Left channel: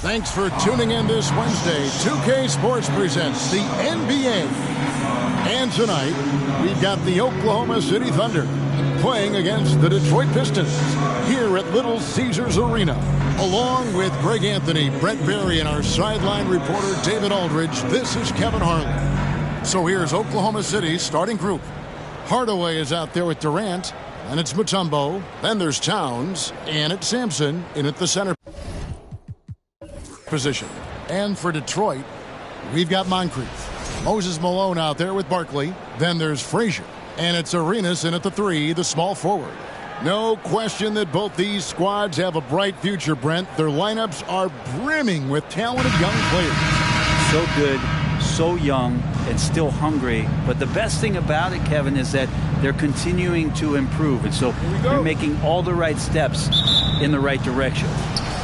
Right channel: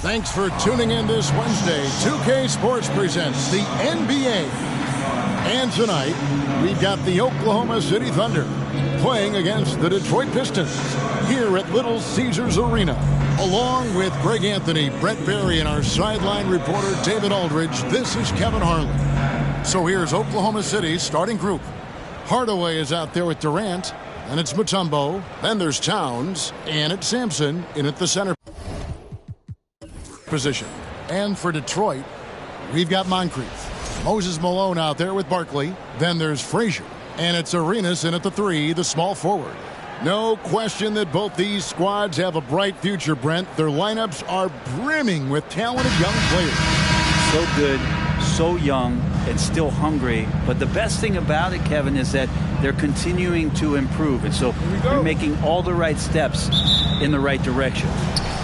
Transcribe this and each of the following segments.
Thanks for tuning in this Wednesday. 2K Sports presents the NBA. And tonight, we've got the Oklahoma City Thunder playing against the Detroit Pistons here at Little Caesars Arena. Along with Greg Anthony, Brett Berry, and our sideline reporter David Aldridge, this is Kevin Harlan. So here's Oklahoma City's starting group. Hardaway is out there with Durant. Then it's Mutombo. Then there's Towns. And it's Sampson in at the center position. And for Detroit, we've got Moncrief. Moses Malone out there with Barkley. Then there's Frazier. And it's Arenas in at the 3, the small forward. No question that both these squads have a bright future, Brent. Their lineups are brimming with talented young players. So good, so young, and still hungry. But the best thing about it, Kevin, is that they're continuing to improve. And so they're making all the right steps in the right direction.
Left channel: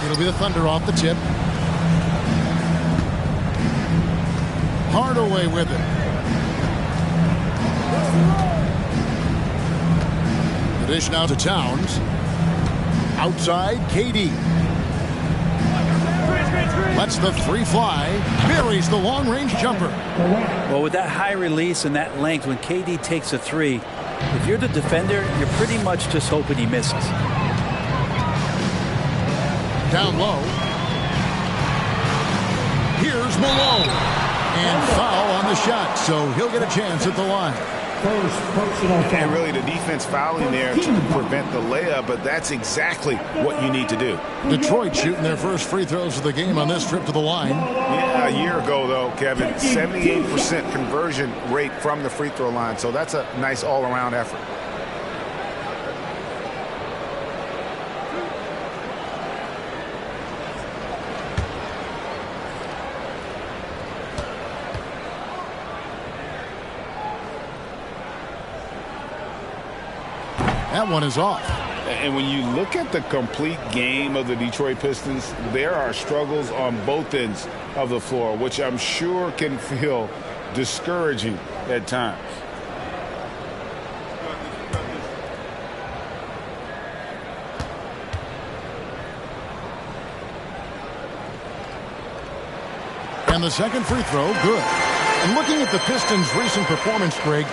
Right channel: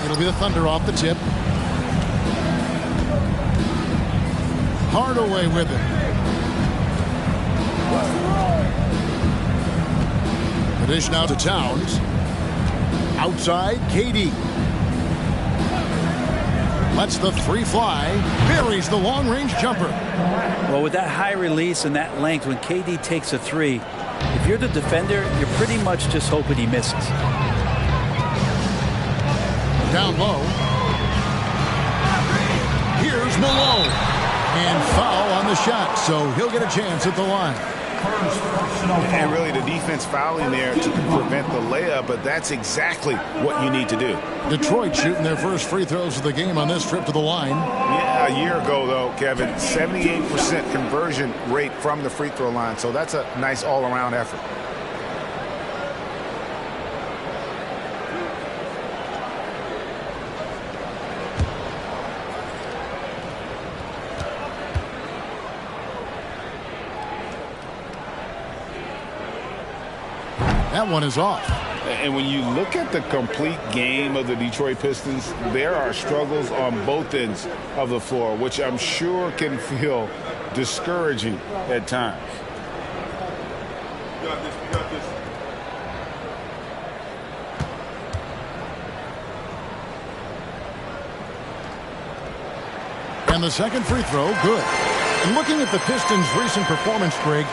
It'll be the Thunder off the tip. Hardaway with it. The dish now to Towns. Outside, KD. Lets the 3 fly. Buries the long-range jumper. Well, with that high release and that length, when KD takes a 3, if you're the defender, you're pretty much just hoping he misses. Down low. Here's Malone. And foul on the shot, so he'll get a chance at the line. First personal foul. And really the defense fouling there to prevent the layup, but that's exactly what you need to do. Detroit shooting their first free throws of the game on this trip to the line. Yeah, a year ago, though, Kevin, 78% conversion rate from the free throw line, so that's a nice all-around effort. That one is off. And when you look at the complete game of the Detroit Pistons, there are struggles on both ends of the floor, which I'm sure can feel discouraging at times. You got this, you got this. And the second free throw, good. And looking at the Pistons' recent performance, Greg,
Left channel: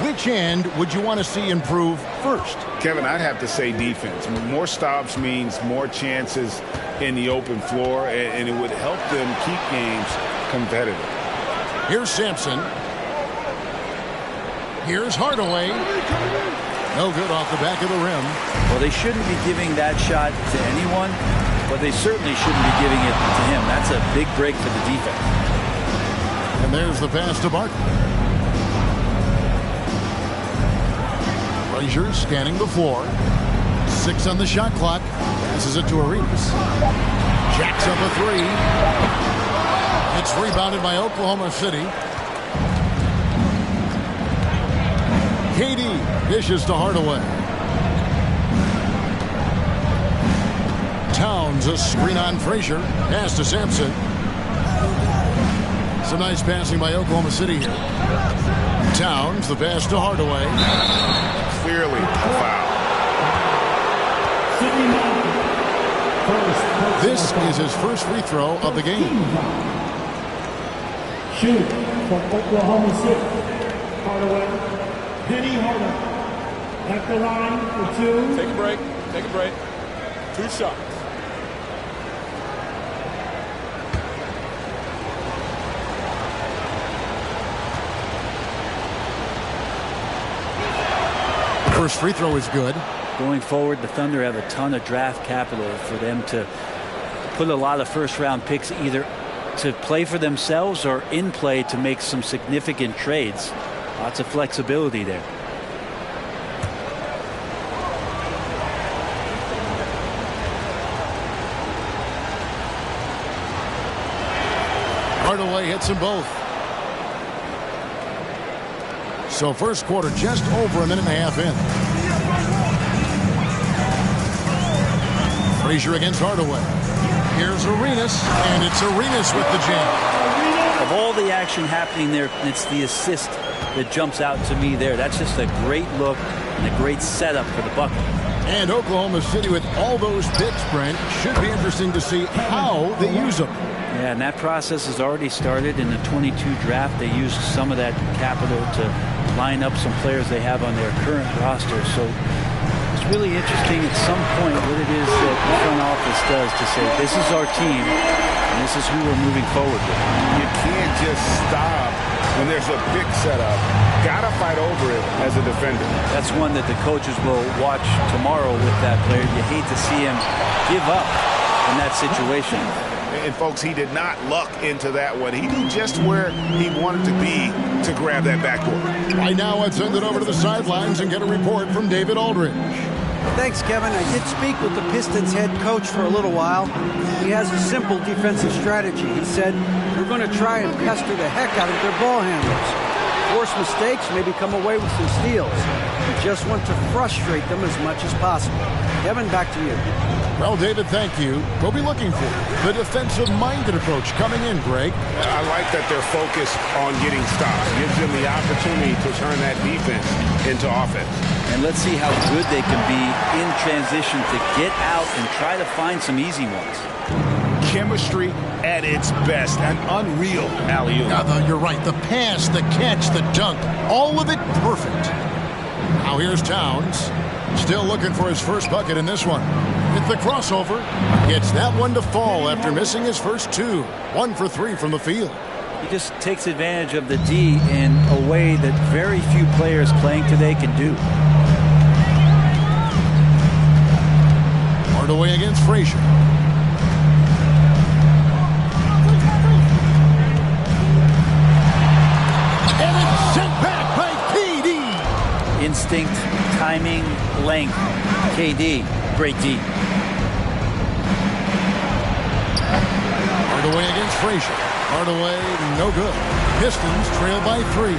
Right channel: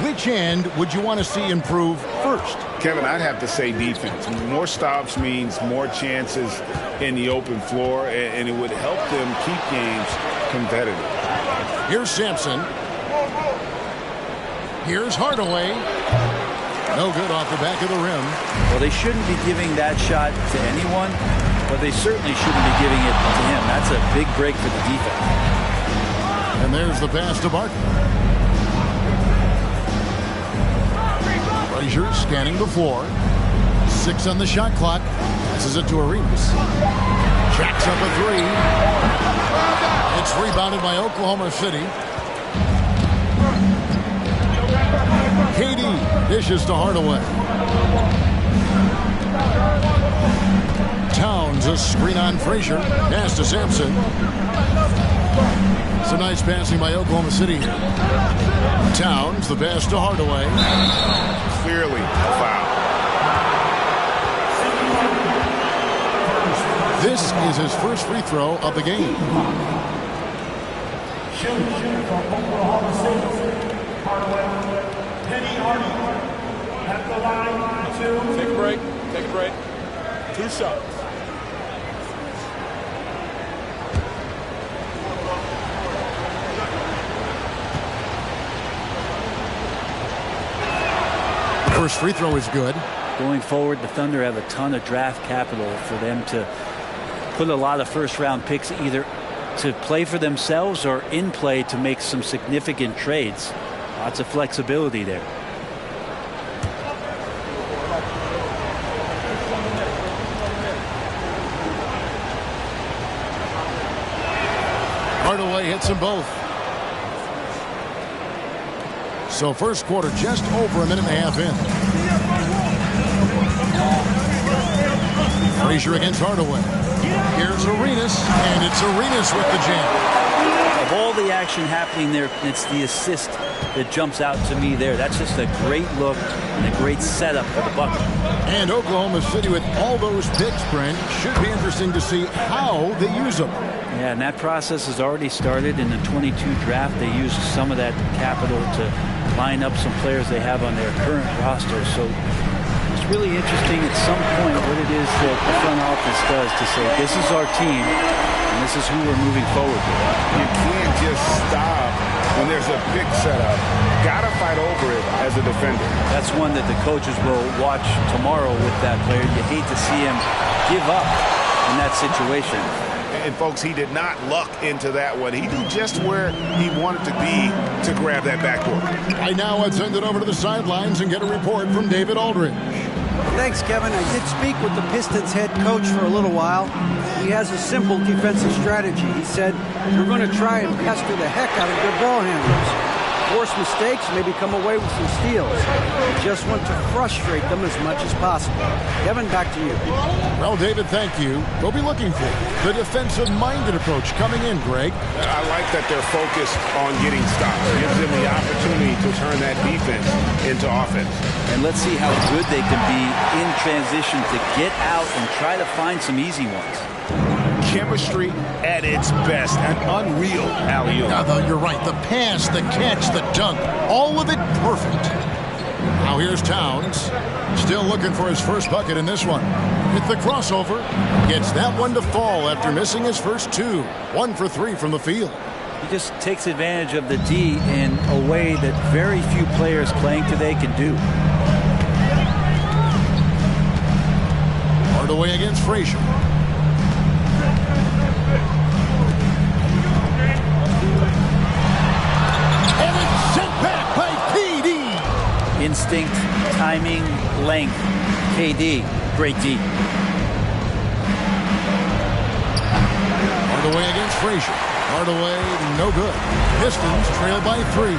which end would you want to see improve first? Kevin, I'd have to say defense. More stops means more chances in the open floor, and it would help them keep games competitive. Here's Sampson. Here's Hardaway. No good off the back of the rim. Well, they shouldn't be giving that shot to anyone, but they certainly shouldn't be giving it to him. That's a big break for the defense. And there's the pass to Barkley. Frazier scanning the floor. 6 on the shot clock. Passes it to Arenas. Jacks up a 3. It's rebounded by Oklahoma City. KD dishes to Hardaway. Towns a screen on Frazier. Pass to Sampson. Some nice passing by Oklahoma City here. Towns the pass to Hardaway. Clearly a foul. This is his first free throw of the game. Shoot for Oklahoma City. Hardaway. Penny Hardaway. At the line for 2. Take a break. Take a break. 2 shots. First free throw is good. Going forward, the Thunder have a ton of draft capital for them to put a lot of first-round picks either to play for themselves or in play to make some significant trades. Lots of flexibility there. Hardaway hits them both. So first quarter just over a minute and a half in. Frazier against Hardaway. Here's Arenas, and it's Arenas with the jam. Of all the action happening there, it's the assist that jumps out to me there. That's just a great look and a great setup for the bucket. And Oklahoma City, with all those picks, Brent, should be interesting to see how they use them. Yeah, and that process has already started in the 22 draft. They used some of that capital to line up some players they have on their current roster. So it's really interesting at some point what it is that the front office does to say, this is our team, and this is who we're moving forward with. You can't just stop when there's a pick set up. Got to fight over it as a defender. That's one that the coaches will watch tomorrow with that player. You hate to see him give up in that situation. And, folks, he did not luck into that one. He knew just where he wanted to be to grab that backboard. Right now, let's send it over to the sidelines and get a report from David Aldridge. Thanks, Kevin. I did speak with the Pistons head coach for a little while. He has a simple defensive strategy. He said, we're going to try and pester the heck out of their ball handlers. Force mistakes, maybe come away with some steals. We just want to frustrate them as much as possible. Kevin, back to you. Well, David, thank you. We'll be looking for the defensive-minded approach coming in, Greg. I like that they're focused on getting stops. Gives them the opportunity to turn that defense into offense. And let's see how good they can be in transition to get out and try to find some easy ones. Chemistry at its best. An unreal alley-oop. You're right. The pass, the catch, the dunk, all of it perfect. Now here's Towns. Still looking for his first bucket in this one. With the crossover, gets that one to fall after missing his first two. 1 for 3 from the field. He just takes advantage of the D in a way that very few players playing today can do. Hardaway against Frazier. And it's sent back by KD. Instinct, timing, length. KD, great D. Hardaway against Frazier. Hardaway, no good. Pistons trail by 3.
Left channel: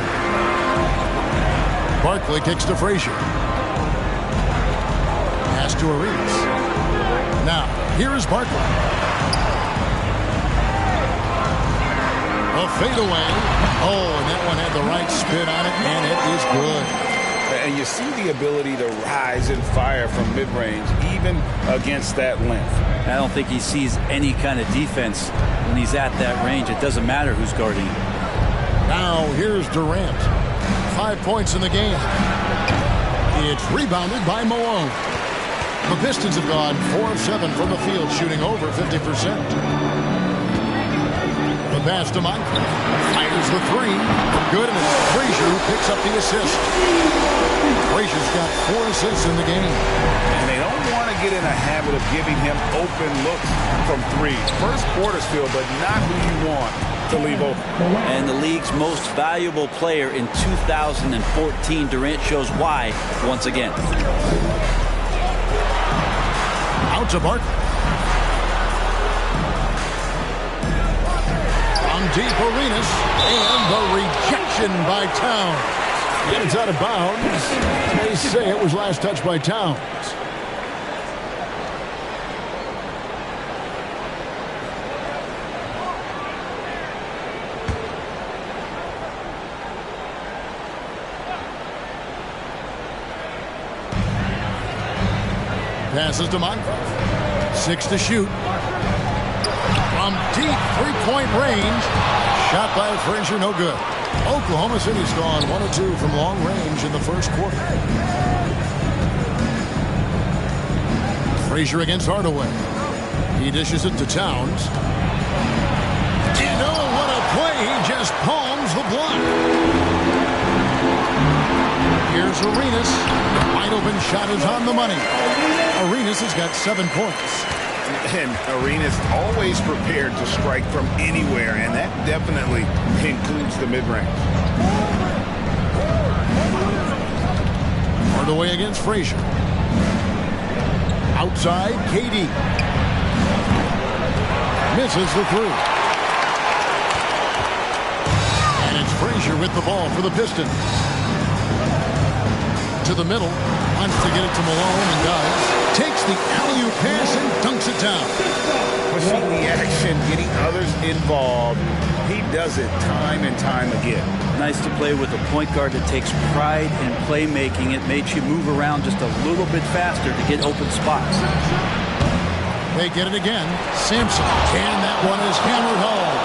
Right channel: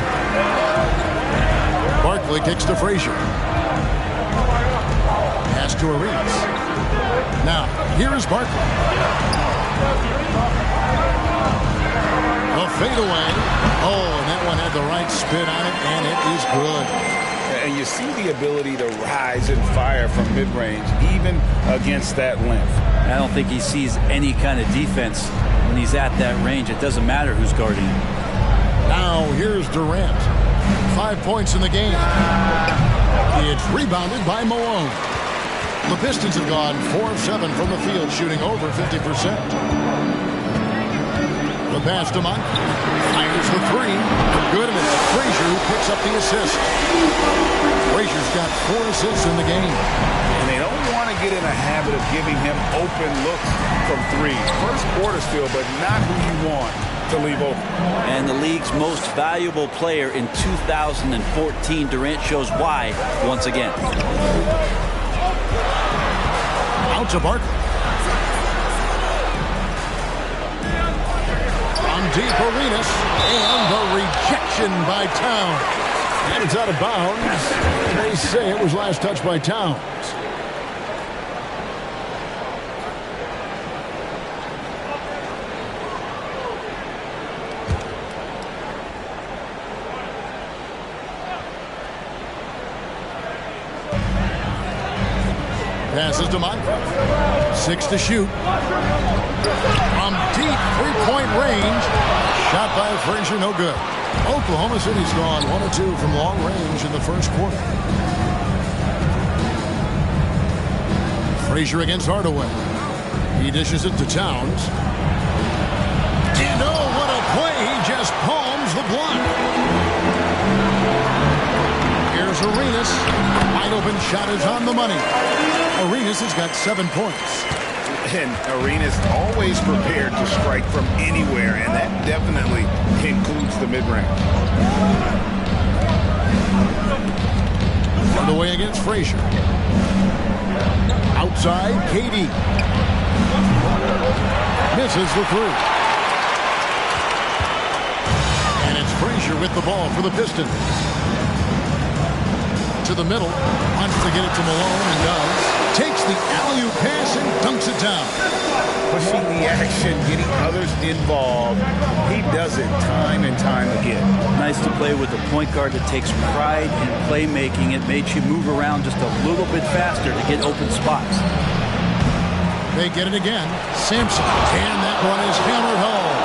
Barkley kicks to Frazier. Pass to Ariz. Now, here is Barkley. A fadeaway. Oh, and that one had the right spin on it, and it is good. And you see the ability to rise and fire from mid-range, even against that length. I don't think he sees any kind of defense when he's at that range. It doesn't matter who's guarding him. Now, here's Durant. 5 points in the game. It's rebounded by Malone. The Pistons have gone 4 of 7 from the field, shooting over 50%. The pass to Moncrief. Fires the 3. Good, and it's Frazier who picks up the assist. Frazier's got 4 assists in the game. And they don't want to get in a habit of giving him open looks from 3. First quarter still, but not who you want to leave open. And the league's most valuable player in 2014, Durant shows why once again. Out to Barkley. From deep, Arenas, and the rejection by Towns. And it's out of bounds. They say it was last touched by Towns. Passes to Moncrief. 6 to shoot. From deep three-point range. Shot by Frazier, no good. Oklahoma City's gone 1 of 2 from long range in the first quarter. Frazier against Hardaway. He dishes it to Towns. And oh, what a play. He just palms the block. Here's Arenas. Wide open shot is on the money. Arenas has got 7 points. And Arenas always prepared to strike from anywhere, and that definitely includes the mid-range. Hardaway against Frazier. Outside, KD. Misses the 3. And it's Frazier with the ball for the Pistons. To the middle. Wants to get it to Malone and does. Takes the alley-oop pass and dunks it down. pushing the action, getting others involved. He does it time and time again. Nice to play with a point guard that takes pride in playmaking. It makes you move around just a little bit faster to get open spots. They get it again. Sampson. And that one is hammered home.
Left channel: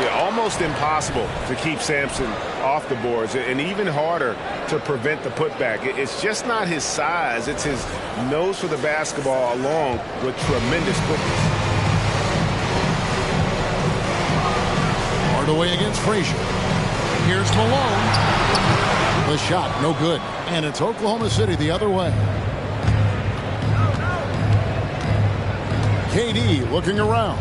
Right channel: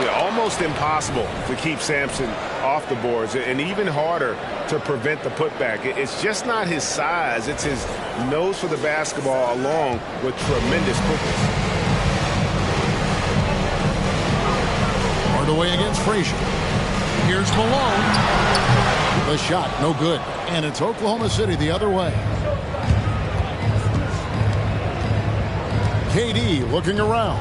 Yeah, almost impossible to keep Sampson off the boards, and even harder to prevent the putback. It's just not his size. It's his nose for the basketball along with tremendous quickness. Hardaway against Frazier. Here's Malone. The shot, no good. And it's Oklahoma City the other way. KD looking around.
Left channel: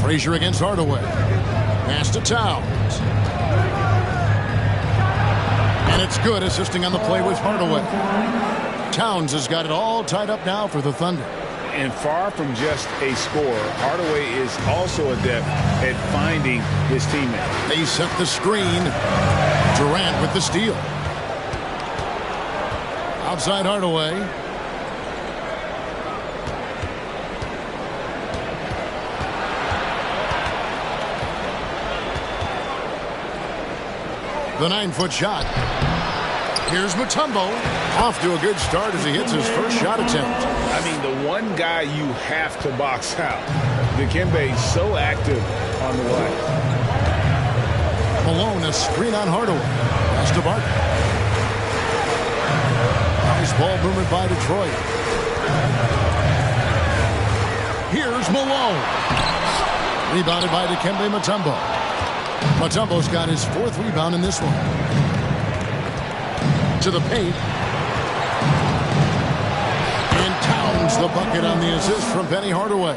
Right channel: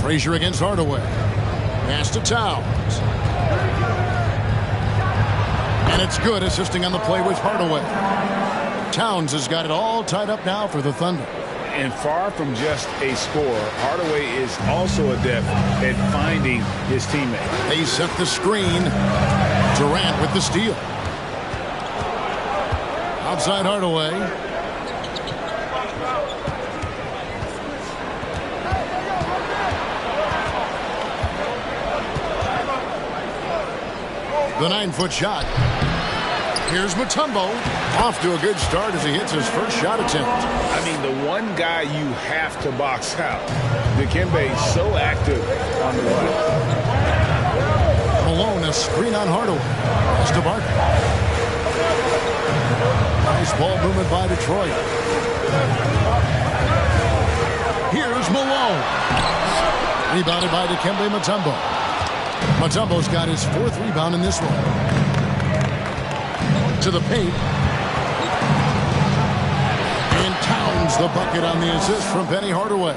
Frazier against Hardaway. Pass to Towns. And it's good, assisting on the play with Hardaway. Towns has got it all tied up now for the Thunder. And far from just a scorer, Hardaway is also adept at finding his teammate. They set the screen. Durant with the steal. Outside Hardaway. The 9-foot shot. Here's Mutombo. Off to a good start as he hits his first shot attempt. I mean, the one guy you have to box out. Dikembe so active on the line. Malone, a screen on Hardaway. Pass to Barton. Nice ball movement by Detroit. Here's Malone. Rebounded by Dikembe Mutombo. Mutombo's got his 4th rebound in this one. To the paint. And Towns the bucket on the assist from Penny Hardaway.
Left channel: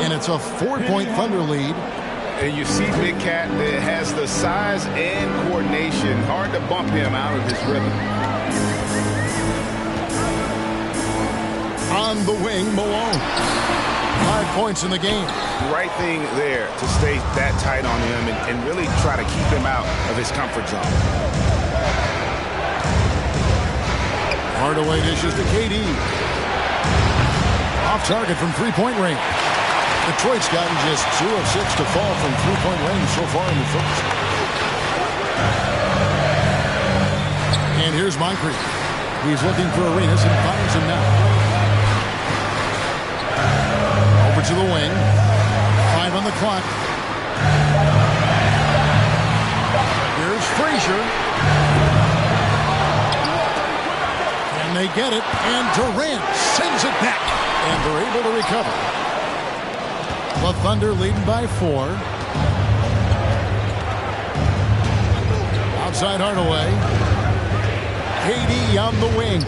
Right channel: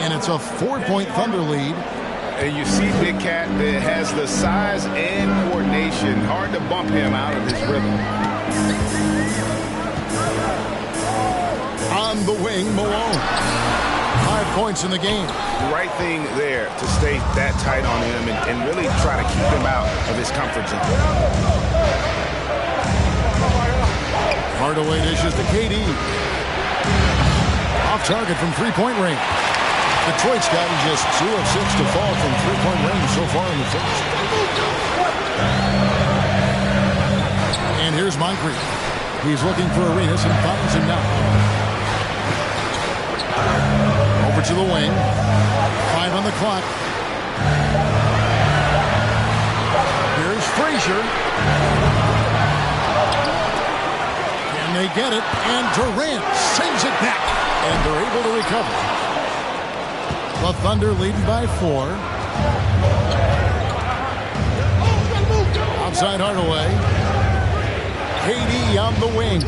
And it's a 4-point Thunder lead. And you see Big Cat that has the size and coordination. Hard to bump him out of his rhythm. On the wing, Malone. 5 points in the game. Right thing there to stay that tight on him and really try to keep him out of his comfort zone. Hardaway dishes to KD. Off target from three-point range. Detroit's gotten just 2 of 6 to fall from three-point range so far in the first. And here's Moncrief. He's looking for Arenas and finds him now. Over to the wing. 5 on the clock. Here's Frazier. And they get it. And Durant sends it back. And they're able to recover. The Thunder leading by 4. Outside Hardaway. KD on the wing.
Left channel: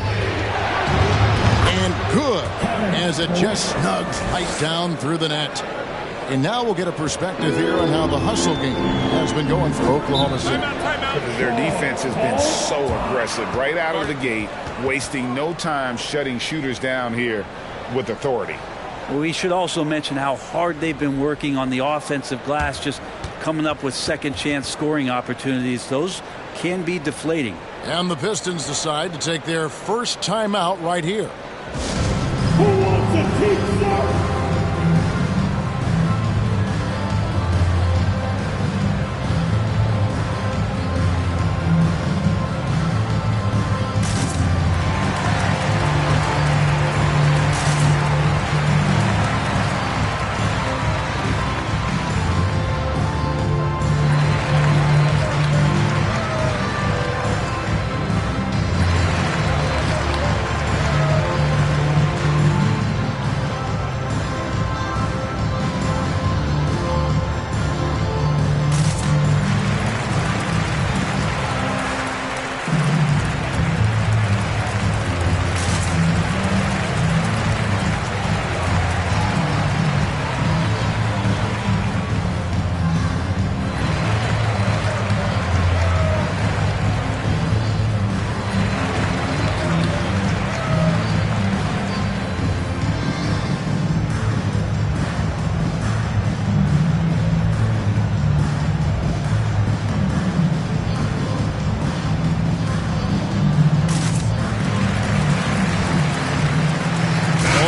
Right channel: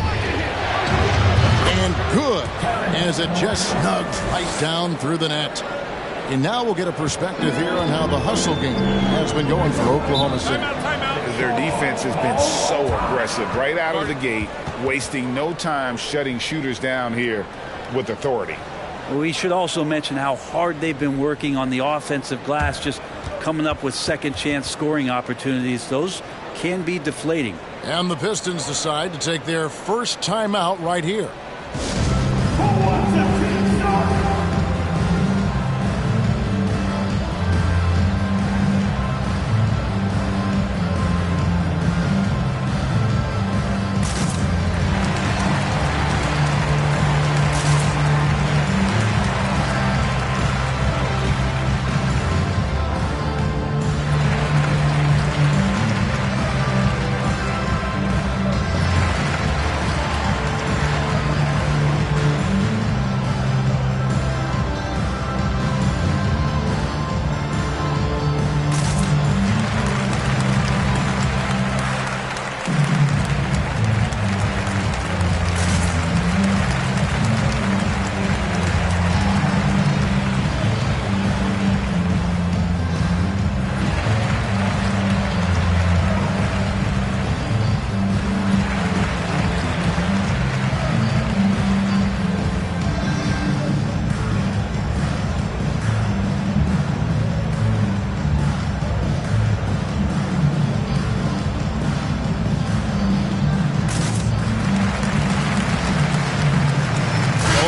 And good. As it just snugs right down through the net. And now we'll get a perspective here on how the hustle game has been going for Oklahoma City. Their defense has been so aggressive right out of the gate, wasting no time shutting shooters down here with authority. We should also mention how hard they've been working on the offensive glass, just coming up with second chance scoring opportunities. Those can be deflating. And the Pistons decide to take their first timeout right here. Who wants a team start?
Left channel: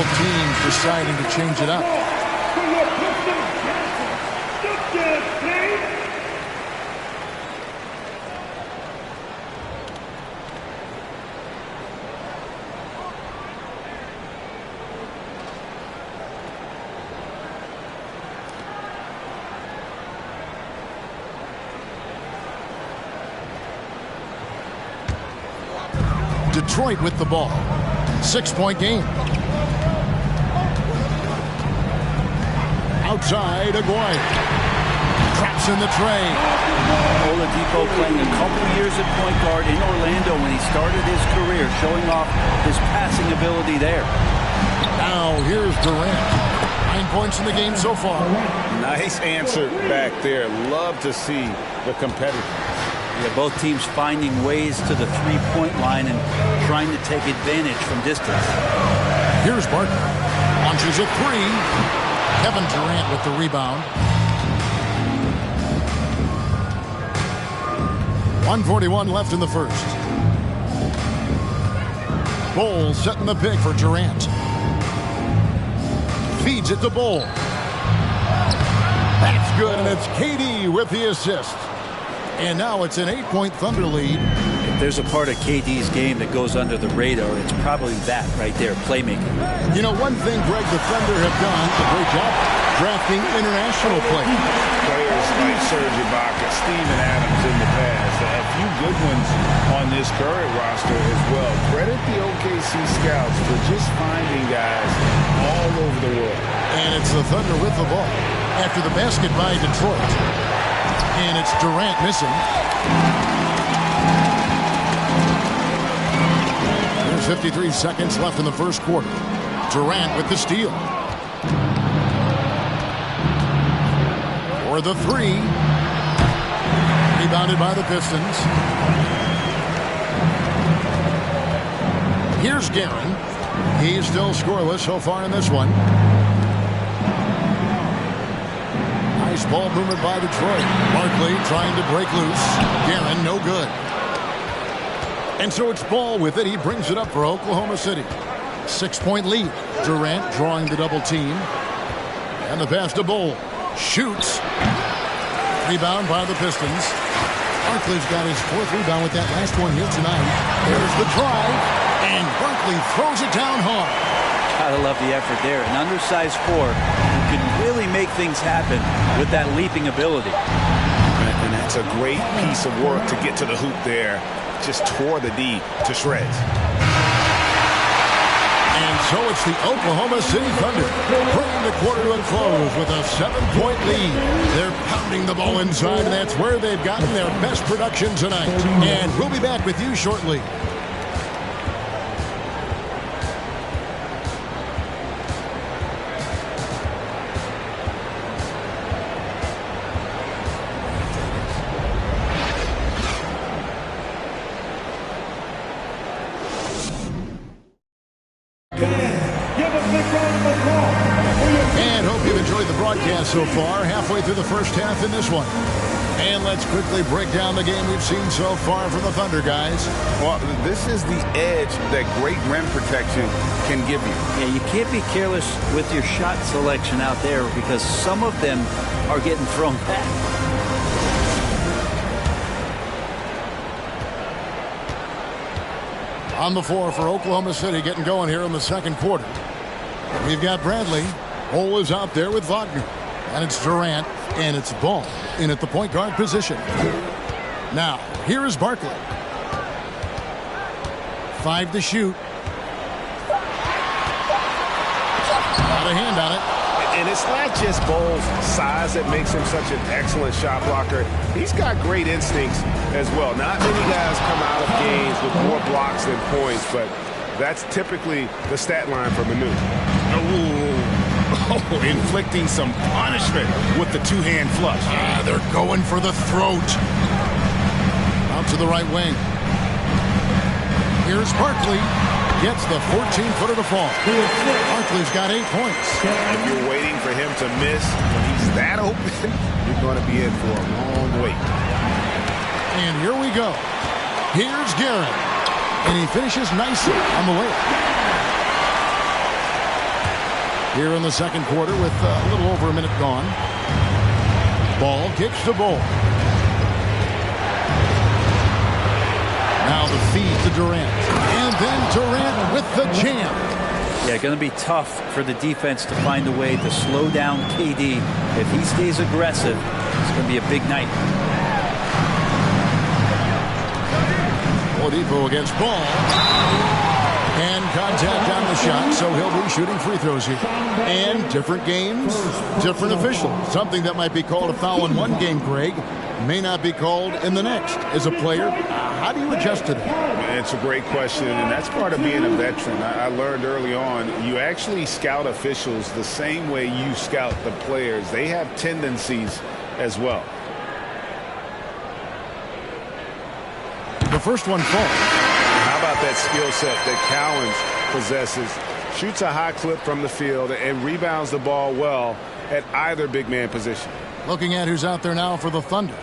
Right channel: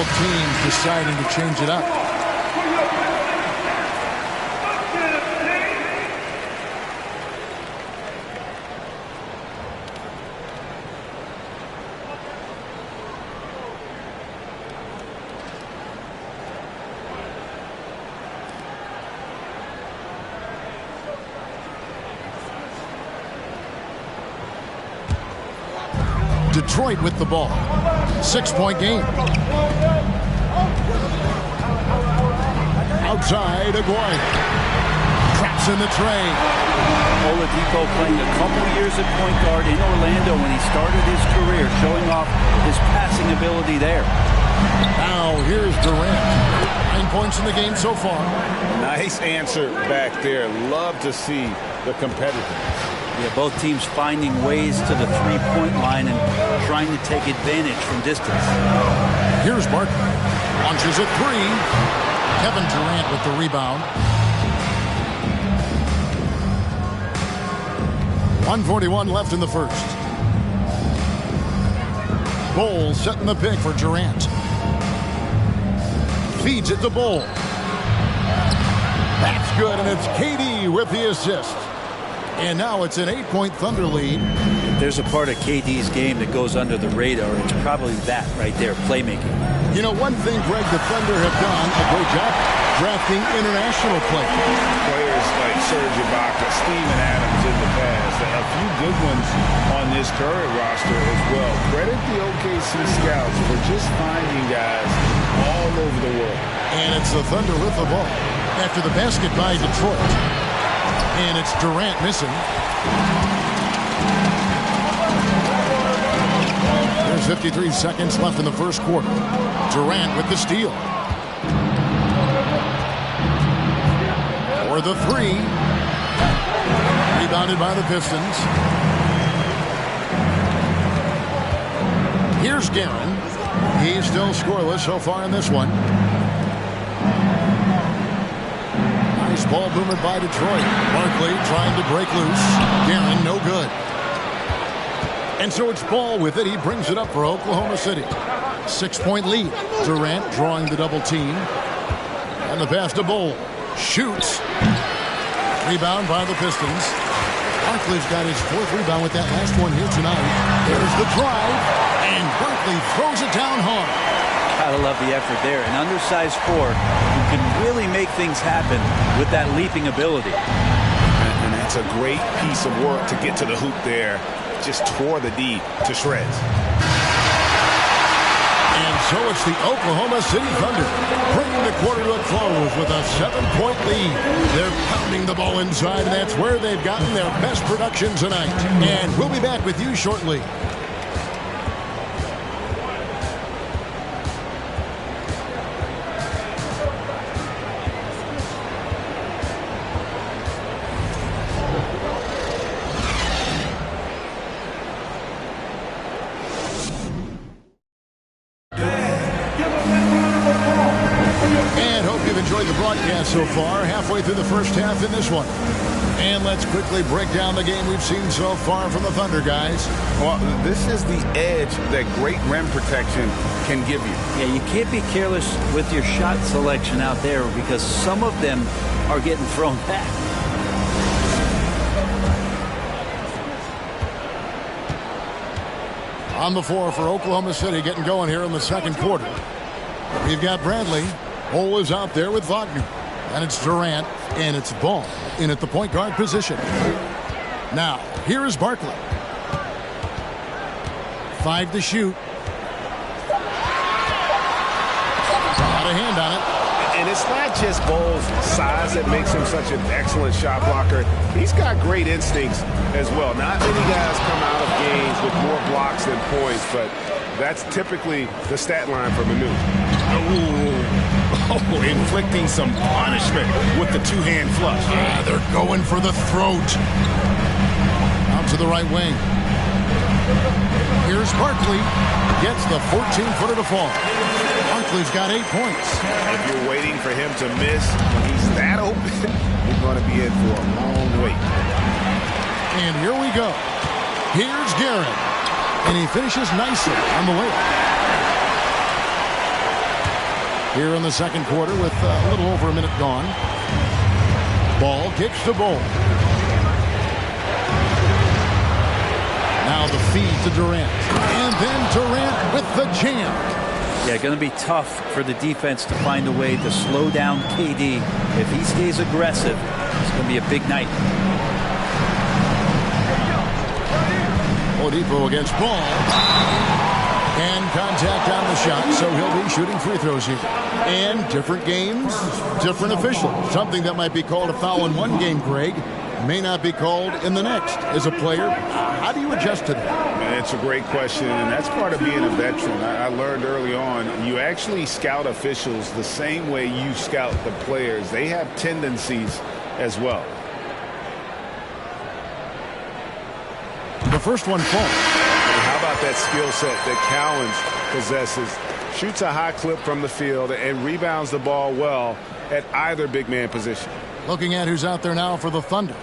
Both teams deciding to change it up. Detroit with the ball. 6-point game. Outside, Bois. Traps in the tray. Oladipo playing a couple years at point guard in Orlando when he started his career, showing off his passing ability there. Now here's Durant. 9 points in the game so far. Nice answer back there. Love to see the competitiveness. Yeah, both teams finding ways to the three-point line and trying to take advantage from distance. Here's Barkley. Launches a three. Kevin Durant with the rebound. 1:41 left in the first. Bol setting the pick for Durant. Feeds it to Bol. That's good, and it's KD with the assist. And now it's an 8-point Thunder lead. If there's a part of KD's game that goes under the radar, it's probably that right there, playmaking. You know, one thing, Greg, the Thunder have done a great job drafting international players. Players like Serge Ibaka, Steven Adams in the past. A few good ones on this current roster as well. Credit the OKC scouts for just finding guys all over the world. And it's the Thunder with the ball after the basket by Detroit. And it's Durant missing. There's 53 seconds left in the first quarter. Durant with the steal. For the three. Rebounded by the Pistons. Here's Guerin. He's still scoreless so far in this one. Nice ball movement by Detroit. Barkley trying to break loose. Guerin, no good. And so it's Ball with it. He brings it up for Oklahoma City. 6-point lead. Durant drawing the double team. And the pass to Bol. Shoots. Rebound by the Pistons. Barkley's got his fourth rebound with that last one here tonight. There's the drive. And Barkley throws it down hard. Gotta love the effort there. An undersized four who can really make things happen with that leaping ability. And that's a great piece of work to get to the hoop there. Just tore the D to shreds. And so it's the Oklahoma City Thunder bringing the quarter to a close with a 7-point lead. They're pounding the ball inside, and that's where they've gotten their best production tonight. And we'll be back with you shortly. Broadcast so far, halfway through the first half in this one. And let's quickly break down the game we've seen so far from the Thunder, guys. Well, this is the edge that great rim protection can give you. Yeah, you can't be careless with your shot selection out there because some of them are getting thrown back. On the floor for Oklahoma City, getting going here in the second quarter. We've got Bradley. Bol is out there with Wagner. And it's Durant, and it's Ball in at the point guard position. Now, here is Barkley. 5 to shoot. Got a hand on it. And it's not just Bol's size that makes him such an excellent shot blocker. He's got great instincts as well. Not many guys come out of games with more blocks than points, but that's typically the stat line for Manu. Oh, inflicting some punishment with the two-hand flush. They're going for the throat. Out to the right wing. Here's Barkley. Gets the 14-footer to fall. Barkley's got 8 points. If you're waiting for him to miss when he's that open, you're going to be in for a long wait. And here we go. Here's Guerin. And he finishes nicely on the layup. here in the second quarter with a little over a minute gone. Ball kicks to Bois. Now the feed to Durant. And then Durant with the jam. Yeah, going to be tough for the defense to find a way to slow down KD. If he stays aggressive, it's going to be a big night. Oladipo against Ball. And contact on the shot, so he'll be shooting free throws here. And different games, different officials. Something that might be called a foul in one game, Greg, may not be called in the next. As a player, how do you adjust to that? It's a great question, and that's part of being a veteran. I learned early on, you actually scout officials the same way you scout the players. They have tendencies as well. The first one falls. How about that skill set that Cowens possesses? Shoots a high clip from the field and rebounds the ball well at either big man position. Looking at who's out there now for the Thunder.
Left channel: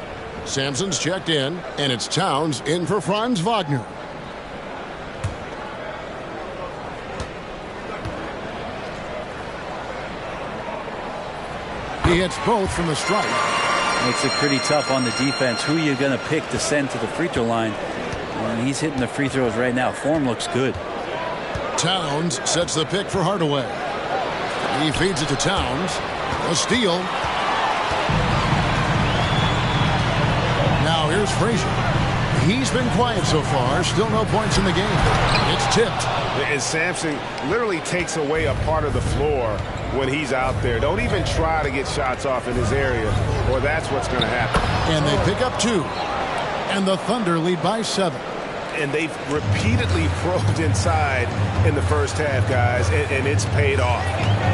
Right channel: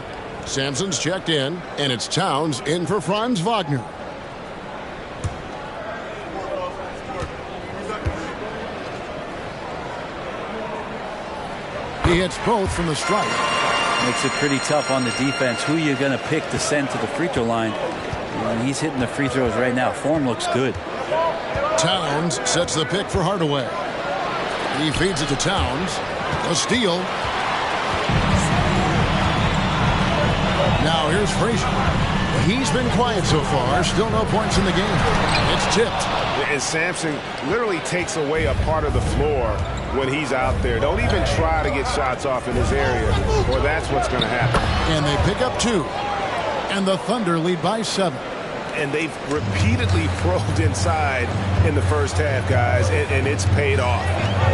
Sampson's checked in, and it's Towns in for Franz Wagner. He hits both from the stripe. Makes it pretty tough on the defense. Who are you going to pick to send to the free throw line? And he's hitting the free throws right now. Form looks good. Towns sets the pick for Hardaway. He feeds it to Towns. A steal. Now here's Frazier. He's been quiet so far. Still no points in the game. It's tipped. And Sampson literally takes away a part of the floor when he's out there. Don't even try to get shots off in his area, or that's what's going to happen. And they pick up 2. And the Thunder lead by 7. And they've repeatedly probed inside in the first half, guys, and it's paid off.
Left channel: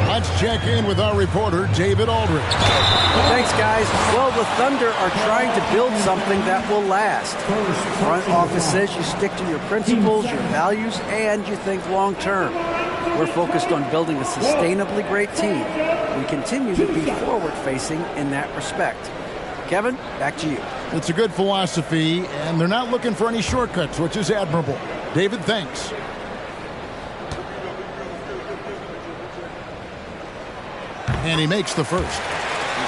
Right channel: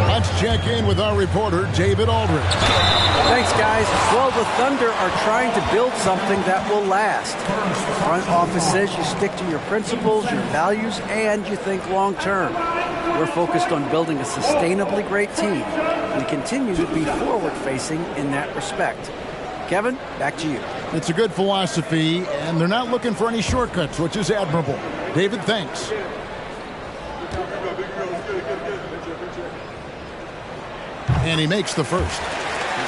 Let's check in with our reporter, David Aldridge. Thanks, guys. Well, the Thunder are trying to build something that will last. The front office says you stick to your principles, your values, and you think long term. We're focused on building a sustainably great team. We continue to be forward-facing in that respect. Kevin, back to you. It's a good philosophy, and they're not looking for any shortcuts, which is admirable. David, thanks. And he makes the first.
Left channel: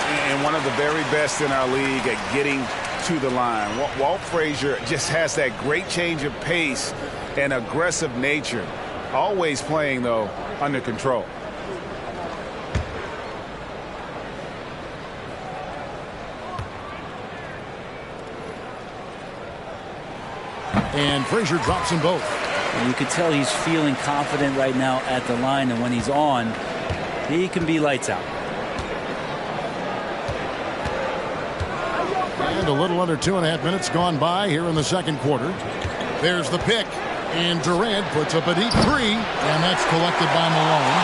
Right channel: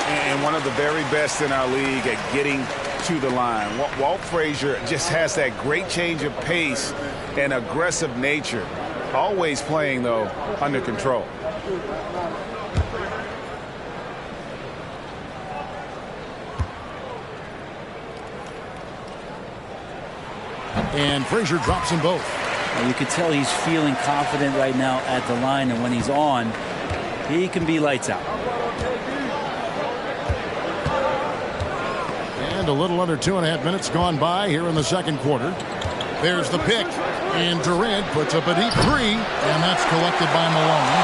And one of the very best in our league at getting to the line. Walt Frazier just has that great change of pace and aggressive nature. Always playing, though, under control. And Frazier drops them both. And you can tell he's feeling confident right now at the line, and when he's on, he can be lights out. And a little under 2.5 minutes gone by here in the second quarter. There's the pick, and Durant puts up a deep 3, and that's collected by Malone.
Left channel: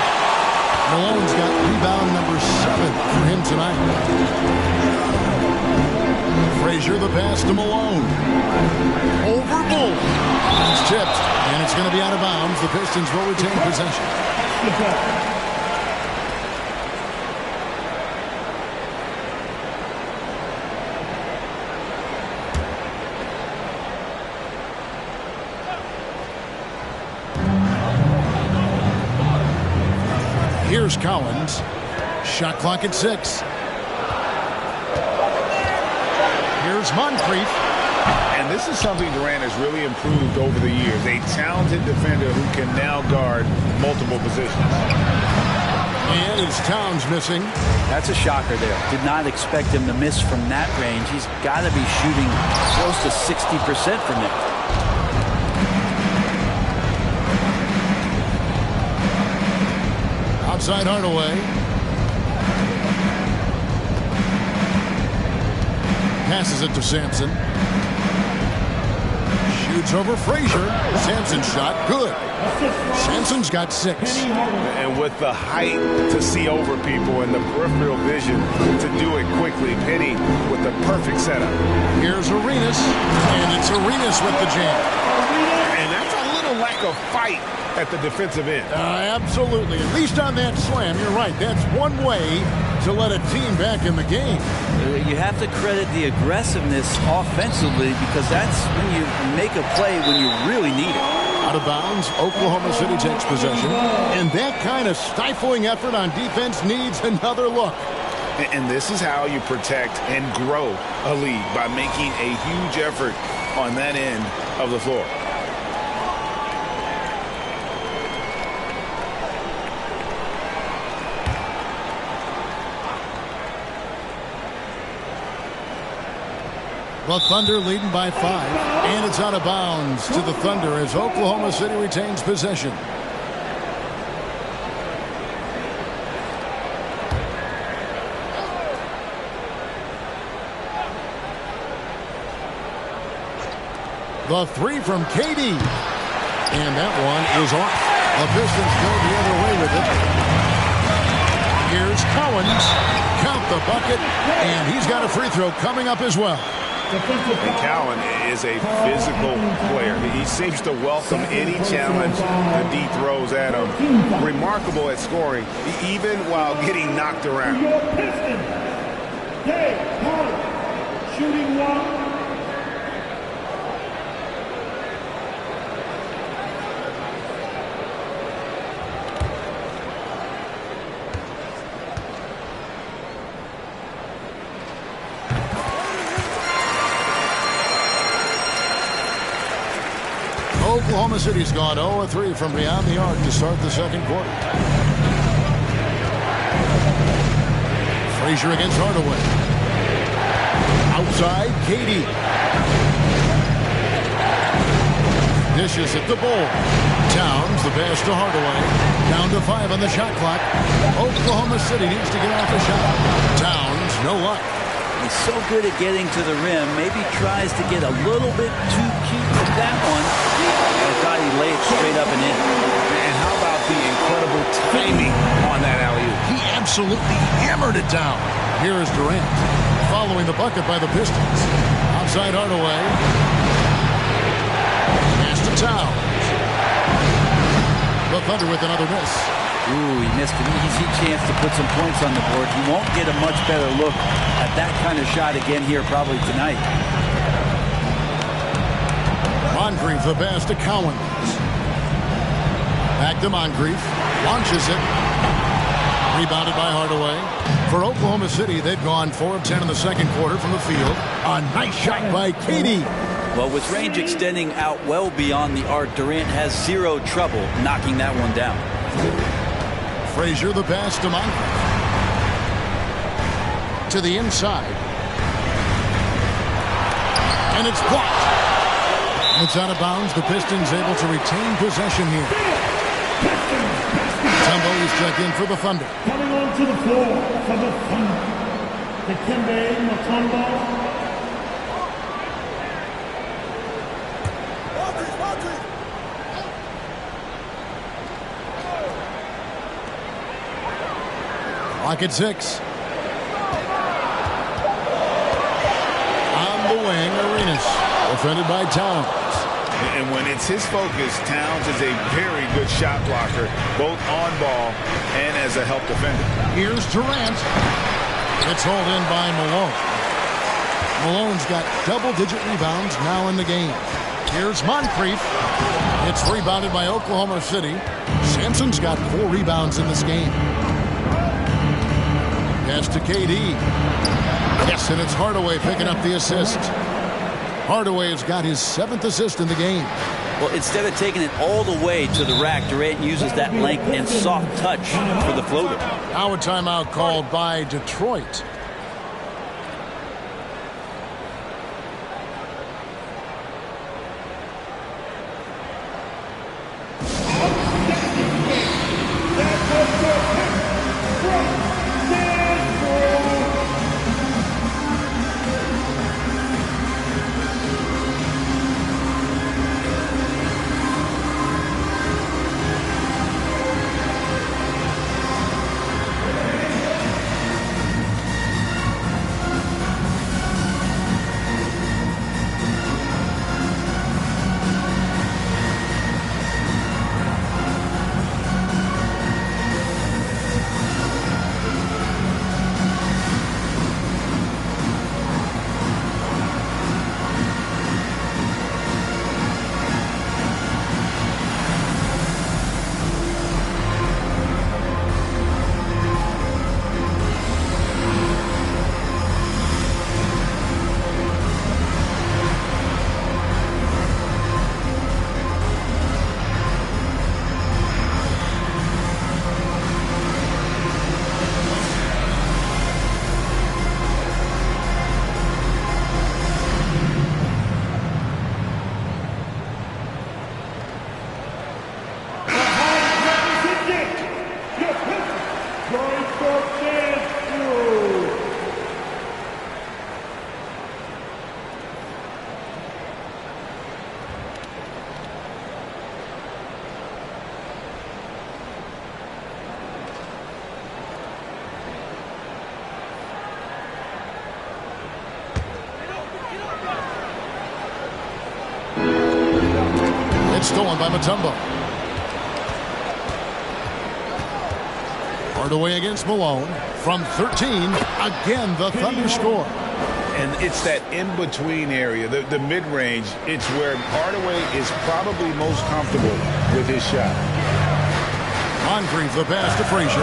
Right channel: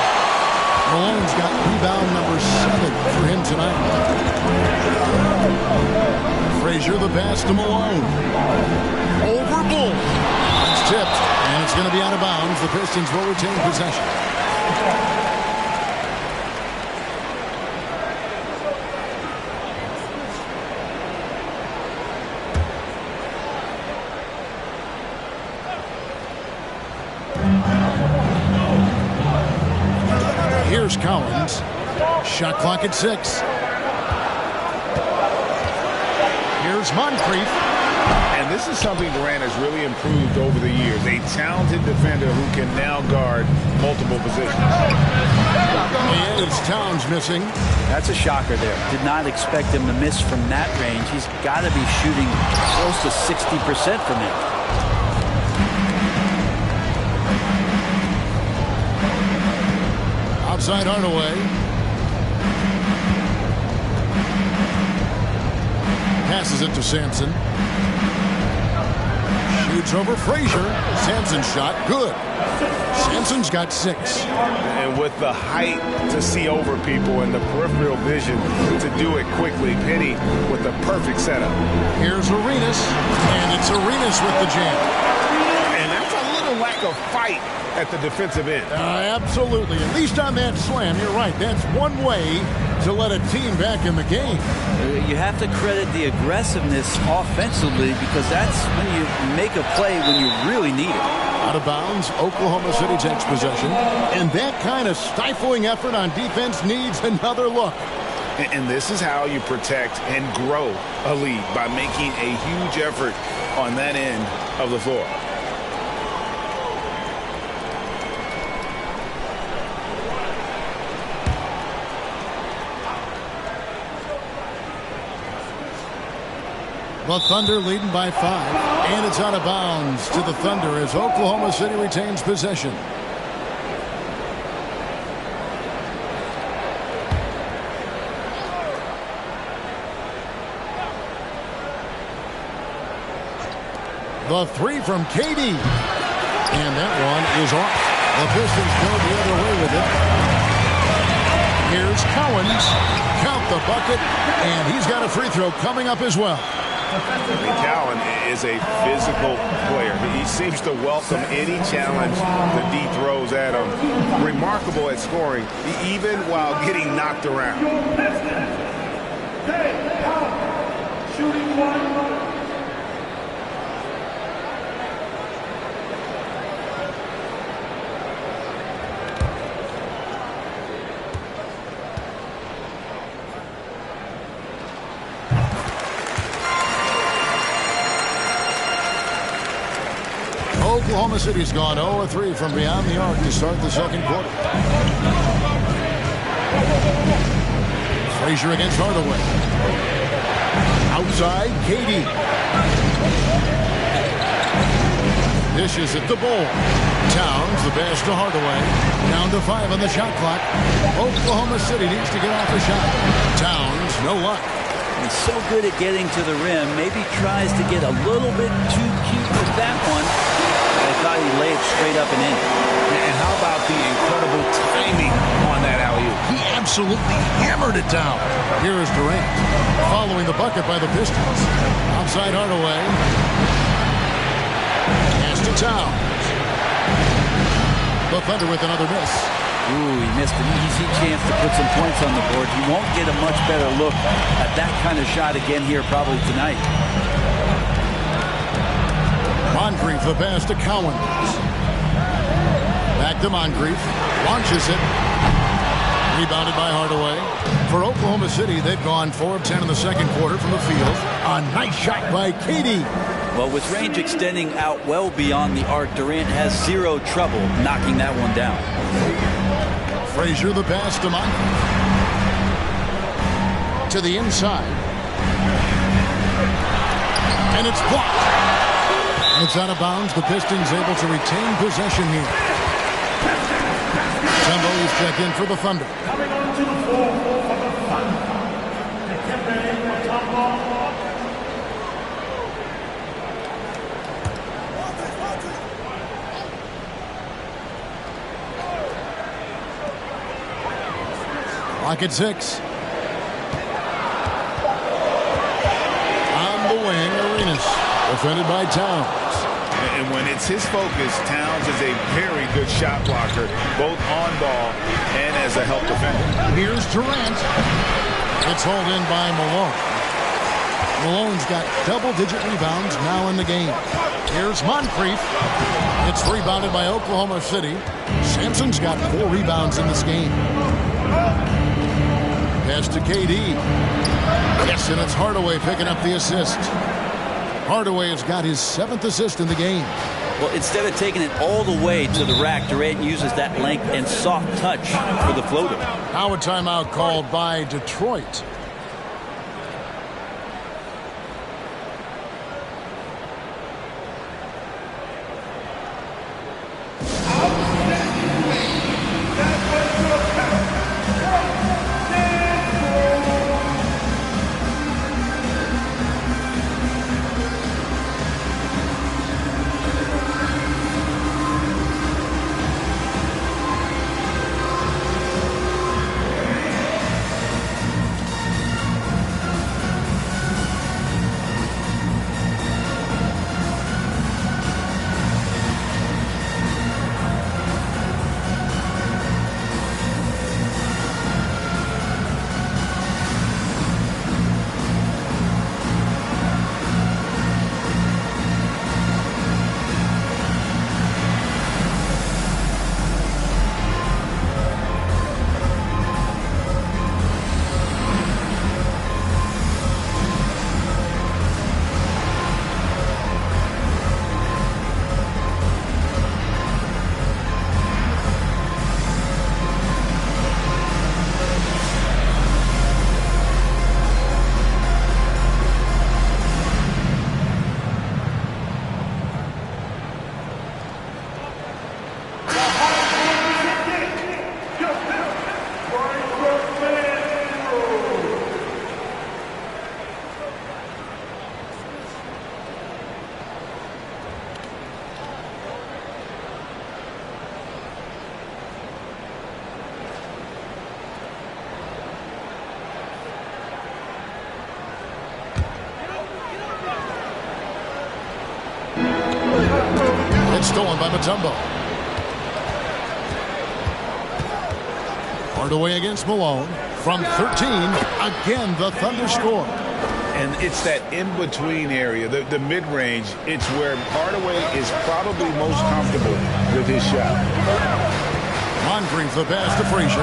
Malone's got rebound number 7 for him tonight. Frazier the pass to Malone. Over Bull. It's tipped, and it's going to be out of bounds. The Pistons will retain possession. Here's Collins. Shot clock at 6. Here's Moncrief. And this is something Durant has really improved over the years. A talented defender who can now guard multiple positions. And it's Towns missing. That's a shocker there. Did not expect him to miss from that range. He's got to be shooting close to 60% from there. Outside Hardaway. Passes it to Sampson. Shoots over Frazier. Sampson's shot good. Sampson's got 6. And with the height to see over people and the peripheral vision to do it quickly, Penny with the perfect setup. Here's Arenas, and it's Arenas with the jam. And that's a little lack of fight at the defensive end. Absolutely. At least on that slam, you're right. That's one way to let a team back in the game. You have to credit the aggressiveness offensively, because that's when you make a play when you really need it. Out of bounds, Oklahoma City takes possession. And that kind of stifling effort on defense needs another look. And this is how you protect and grow a lead, by making a huge effort on that end of the floor. The Thunder leading by 5, and it's out of bounds to the Thunder as Oklahoma City retains possession. The three from KD, and that one is off. The Pistons go the other way with it. Here's Cowens, count the bucket, and he's got a free throw coming up as well. And Cowan is a physical player. He seems to welcome any challenge the D throws at him. Remarkable at scoring, even while getting knocked around. Shooting one. Oklahoma City's gone 0-3 from beyond the arc to start the second quarter. Frazier against Hardaway. Outside, KD. Dishes at the bowl. Towns, the pass to Hardaway. Down to 5 on the shot clock. Oklahoma City needs to get off a shot. Towns, no luck. He's so good at getting to the rim. Maybe tries to get a little bit too cute with that one. I thought he laid it straight up and in. And how about the incredible timing on that alley-oop? He absolutely hammered it down. Here is Durant, following the bucket by the Pistons. Outside Hardaway. Pass to Towns. The Thunder with another miss. Ooh, he missed an easy chance to put some points on the board. He won't get a much better look at that kind of shot again here probably tonight. Moncrief, the pass to Cowens. Back to Moncrief. Launches it. Rebounded by Hardaway. For Oklahoma City, they've gone 4 of 10 in the second quarter from the field. A nice shot by KD. Well, with range extending out well beyond the arc, Durant has zero trouble knocking that one down. Frazier, the pass to Moncrief. To the inside. And it's blocked. It's out of bounds. The Pistons able to retain possession here. Tumbo is checked in for the Thunder. Coming onto the floor for the Thunder. Dikembe Mutombo. Clock at 6. On the wing, Arenas. Defended by Towns. And when it's his focus, Towns is a very good shot blocker, both on ball and as a help defender. Here's Durant. It's hauled in by Malone. Malone's got double-digit rebounds now in the game. Here's Moncrief. It's rebounded by Oklahoma City. Sampson's got 4 rebounds in this game. Pass to KD. Yes, and it's Hardaway picking up the assist. Hardaway has got his 7th assist in the game. Well, instead of taking it all the way to the rack, Durant uses that length and soft touch for the floater. Now a timeout called by Detroit. It's stolen by Mutombo. Hardaway against Malone. From 13, again, the Thunder score. And it's that in-between area, the mid-range. It's where Hardaway is probably most comfortable with his shot. Moncrief the pass to Frazier.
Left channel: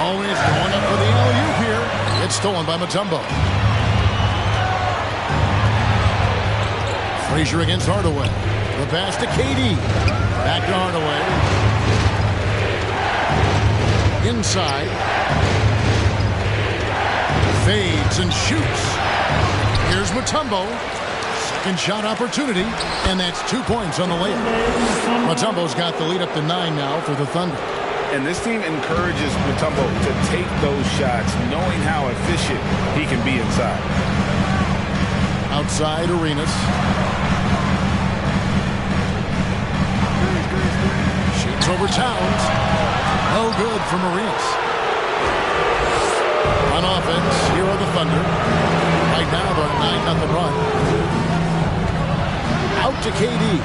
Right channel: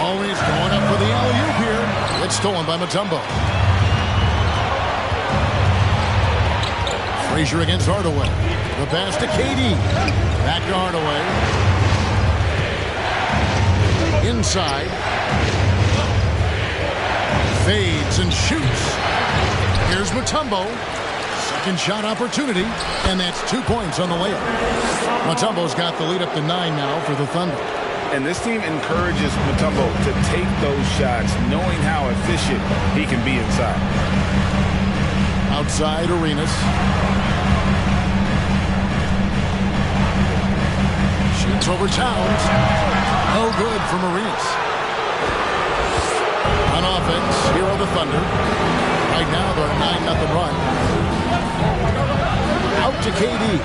Always going up for the alley-oop here. It's stolen by Mutombo. Frazier against Hardaway. The pass to KD. Back to Hardaway. Inside. Fades and shoots. Here's Mutombo. Second shot opportunity. And that's 2 points on the layup. Mutombo's got the lead up to 9 now for the Thunder. And this team encourages Mutombo to take those shots, knowing how efficient he can be inside. Outside Arenas. Shoots over Towns. No good from Arenas. On offense, here are the Thunder. Right now they're a 9-0 run. Out to KD.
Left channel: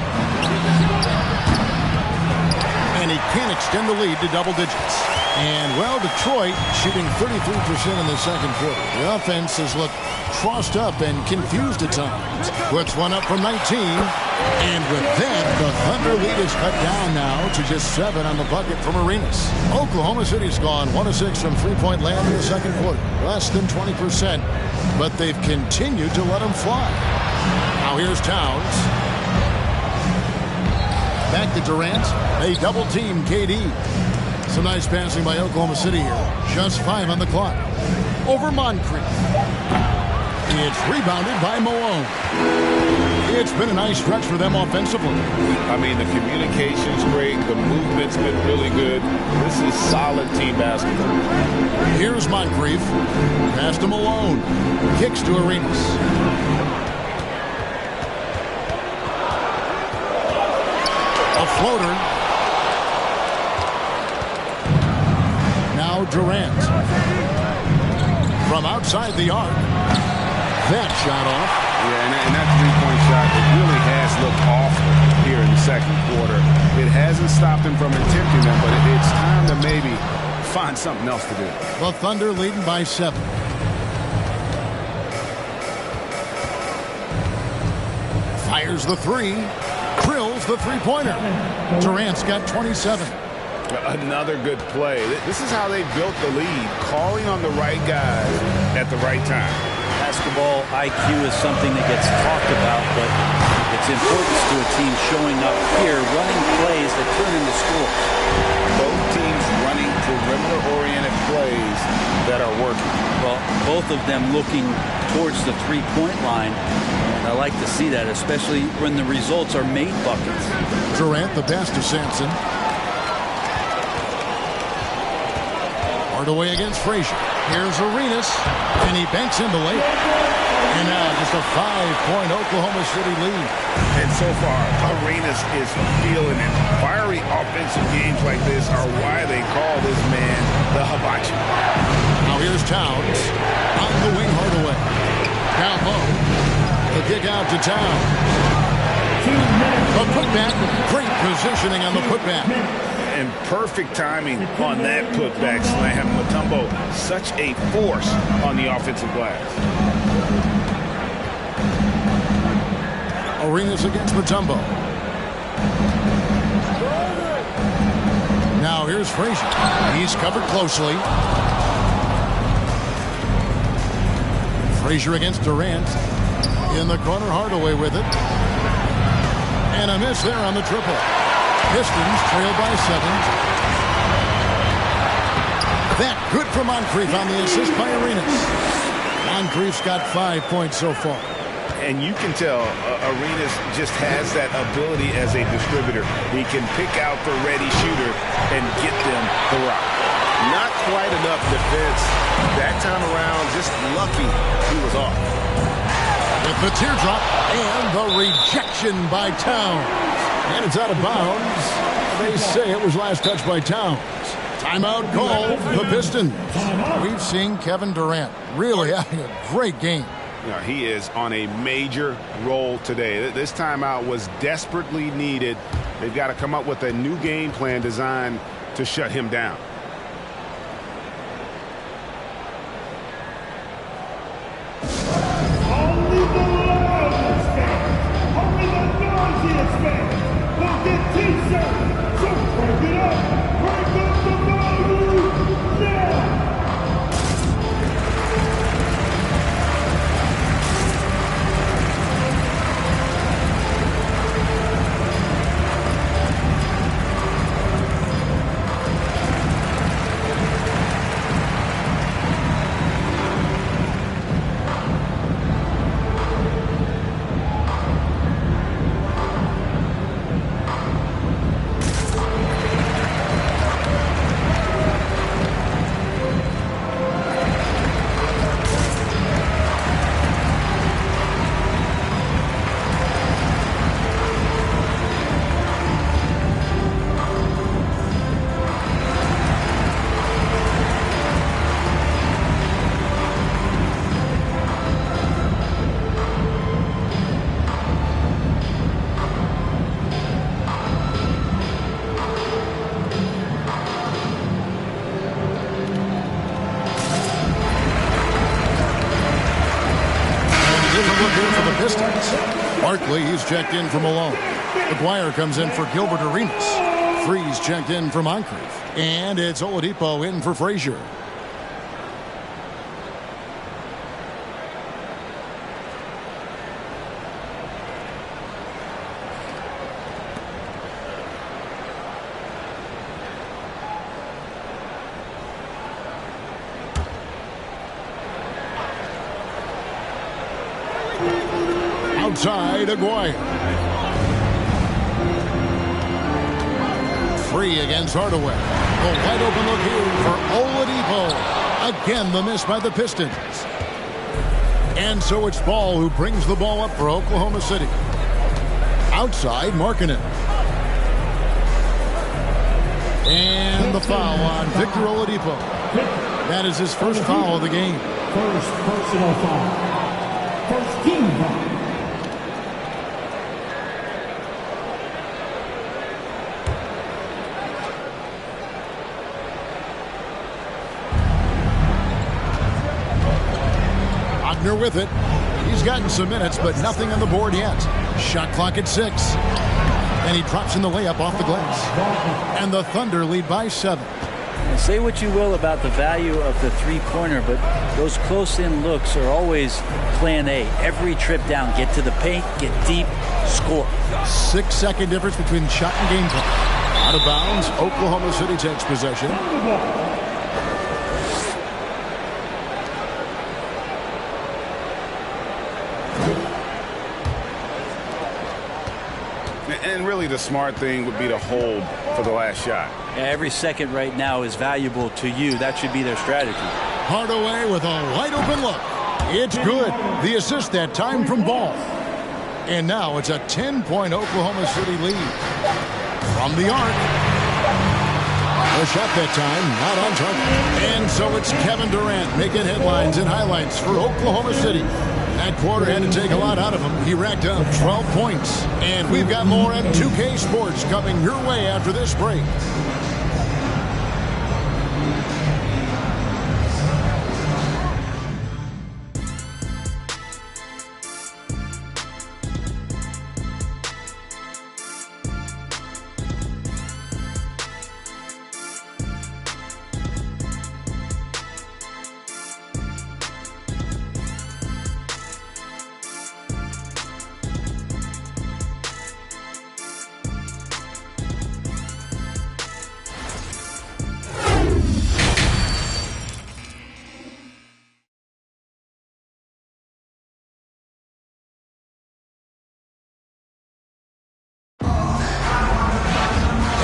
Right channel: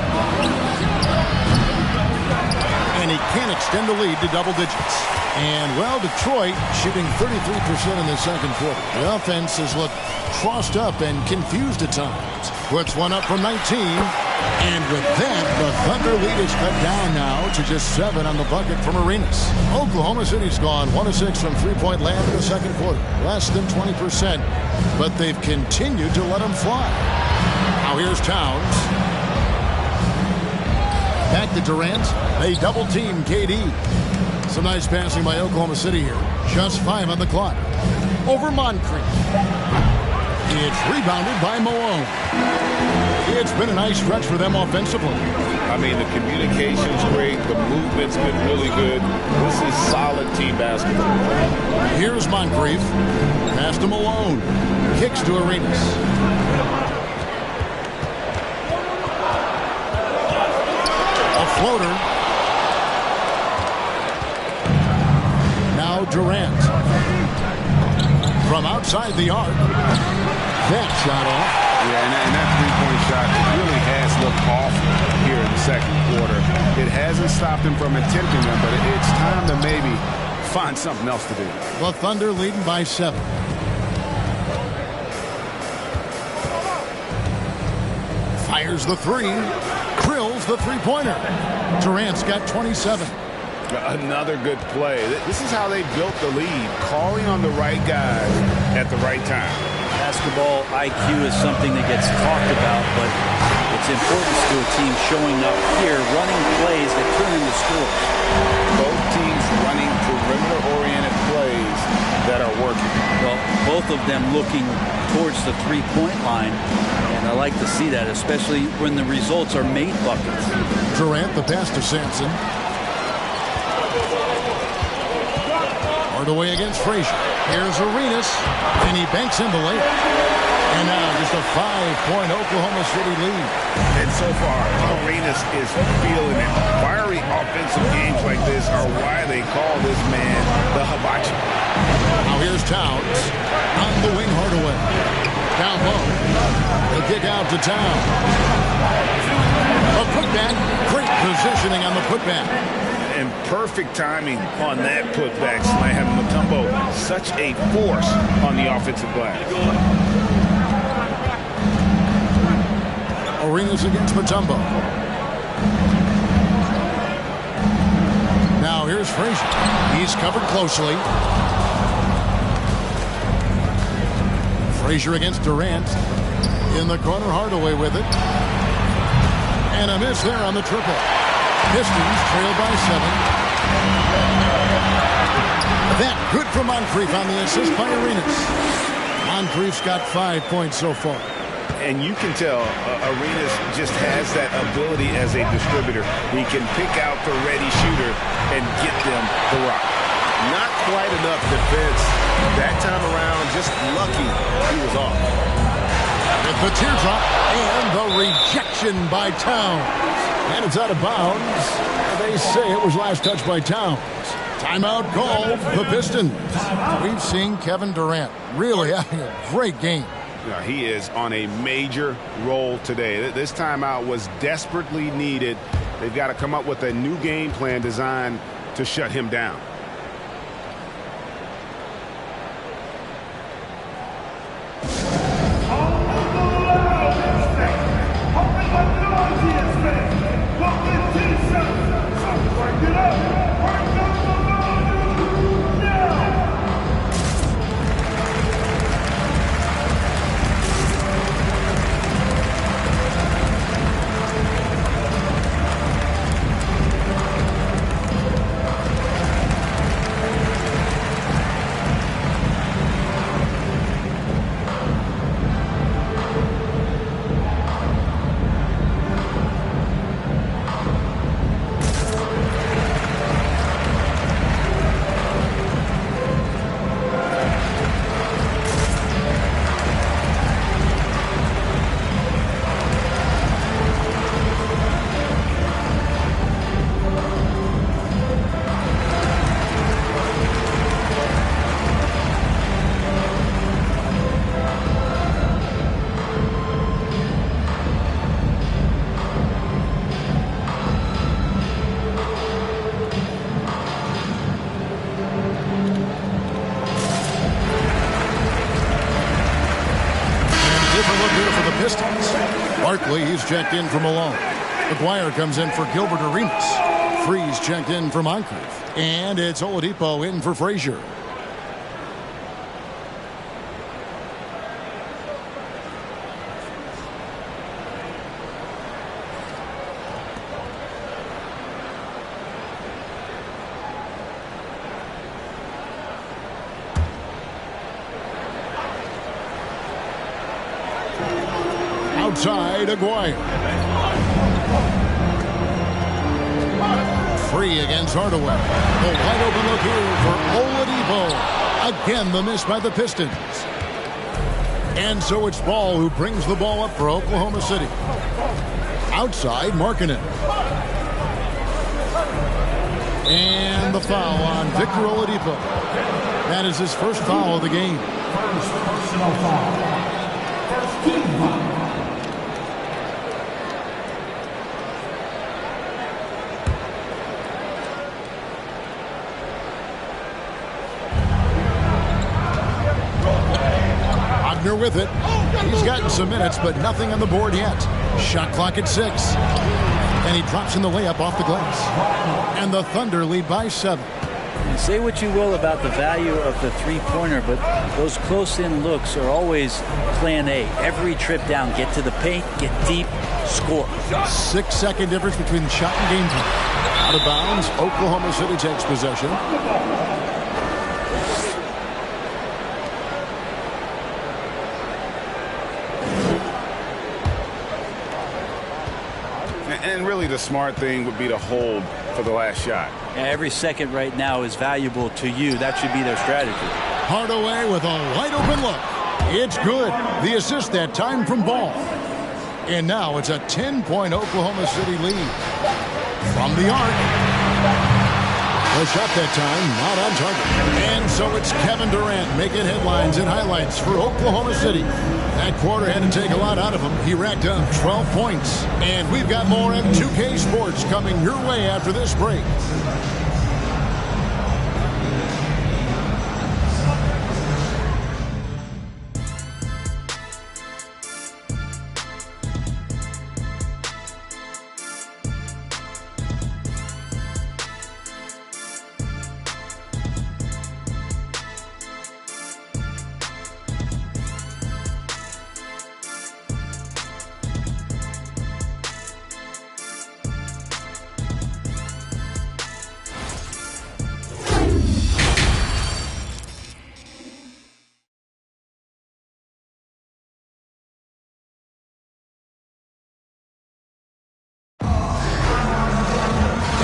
And he can't extend the lead to double digits. And, well, Detroit shooting 33% in the second quarter. The offense has looked crossed up and confused at times. Puts one up from 19. And with that, the Thunder lead is cut down now to just 7 on the bucket from Arenas. Oklahoma City's gone 1 of 6 from three-point land in the second quarter. Less than 20%. But they've continued to let them fly. Now here's Towns. Back to Durant. They double-team KD. Some nice passing by Oklahoma City here. Just 5 on the clock. Over Moncrief. It's rebounded by Malone. It's been a nice stretch for them offensively. I mean, the communication's great. The movement's been really good. This is solid team basketball. Here's Moncrief. Pass to Malone. Kicks to Arenas. A floater. Now Durant. From outside the arc. That shot off. Yeah, and that three-point shot, it really has looked awful here in the second quarter. It hasn't stopped him from attempting them, but it's time to maybe find something else to do. The Thunder leading by 7. Fires the three. Drills the three-pointer. Durant's got 27. Another good play. This is how they built the lead, calling on the right guys at the right time. Basketball IQ is something that gets talked about, but its importance to a team showing up here, running plays that turn into scores. Both teams running perimeter-oriented plays that are working. Well, both of them looking towards the three-point line, and I like to see that, especially when the results are made buckets. Durant, the pass to Sampson. Hardaway against Frazier. Here's Arenas, and he banks in the layup. And now just a 5-point Oklahoma City lead. And so far, Arenas is feeling it. Fiery offensive games like this are why they call this man the hibachi. Now here's Towns. On the wing, Hardaway. Down low. The kick out to Towns. A putback. Great positioning on the putback. And perfect timing on that putback slam. Mutombo, such a force on the offensive glass. Arenas against Mutombo. Now here's Frazier. He's covered closely. Frazier against Durant. In the corner, Hardaway with it. And a miss there on the triple. Pistons trail by 7. That good for Moncrief on the assist by Arenas. Moncrief's got 5 points so far. And you can tell Arenas just has that ability as a distributor. He can pick out the ready shooter and get them the rock. Not quite enough defense that time around. Just lucky he was off. With the teardrop and the rejection by Towns. And it's out of bounds. They say it was last touched by Towns. Timeout called the Pistons. We've seen Kevin Durant really having a great game. He is on a major roll today. This timeout was desperately needed. They've got to come up with a new game plan designed to shut him down. Only the loudest fans, only the noisiest fans will get T-shirts. So crank it up the volume now. Different look here for the Pistons. Barkley, he's checked in for Malone. McGuire comes in for Gilbert Arenas. Freeze checked in for Moncrief. And it's Oladipo in for Frazier. Outside, Aguirre. Free against Hardaway. The wide open look here for Oladipo. Again, the miss by the Pistons. And so it's Ball who brings the ball up for Oklahoma City. Outside, Markkanen. And the foul on Victor Oladipo. That is his first foul of the game. First personal foul. First team foul. Wagner with it. He's gotten some minutes, but nothing on the board yet. Shot clock at 6. And he drops in the layup off the glass. And the Thunder lead by 7. And say what you will about the value of the three-pointer, but those close-in looks are always plan A. Every trip down, get to the paint, get deep, score. 6-second difference between shot and game plan. Out of bounds, Oklahoma City takes possession. And really the smart thing would be to hold for the last shot. Yeah, every second right now is valuable to you. That should be their strategy. Hardaway with a wide open look. It's good. The assist that time from Ball. And now it's a 10-point Oklahoma City lead. From the arc. The shot that time not on target. And so it's Kevin Durant making headlines and highlights for Oklahoma City. That quarter had to take a lot out of him. He racked up 12 points. And we've got more M2K Sports coming your way after this break.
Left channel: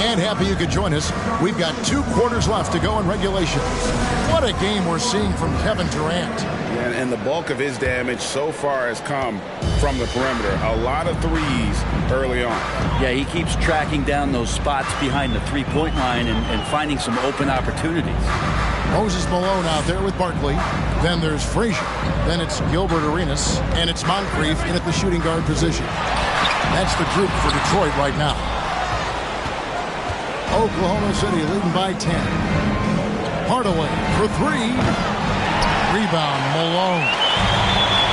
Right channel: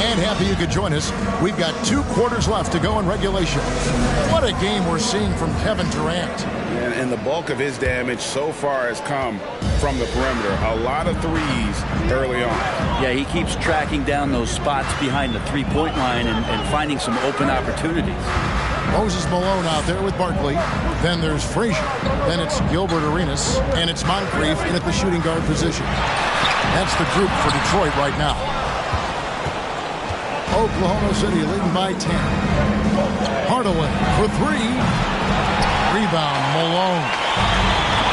And happy you could join us. We've got 2 quarters left to go in regulation. What a game we're seeing from Kevin Durant. And the bulk of his damage so far has come from the perimeter. A lot of threes early on. Yeah, he keeps tracking down those spots behind the three-point line and finding some open opportunities. Moses Malone out there with Barkley. Then there's Frazier. Then it's Gilbert Arenas. And it's Moncrief in at the shooting guard position. That's the group for Detroit right now. Oklahoma City leading by 10. Hardaway for three. Rebound, Malone.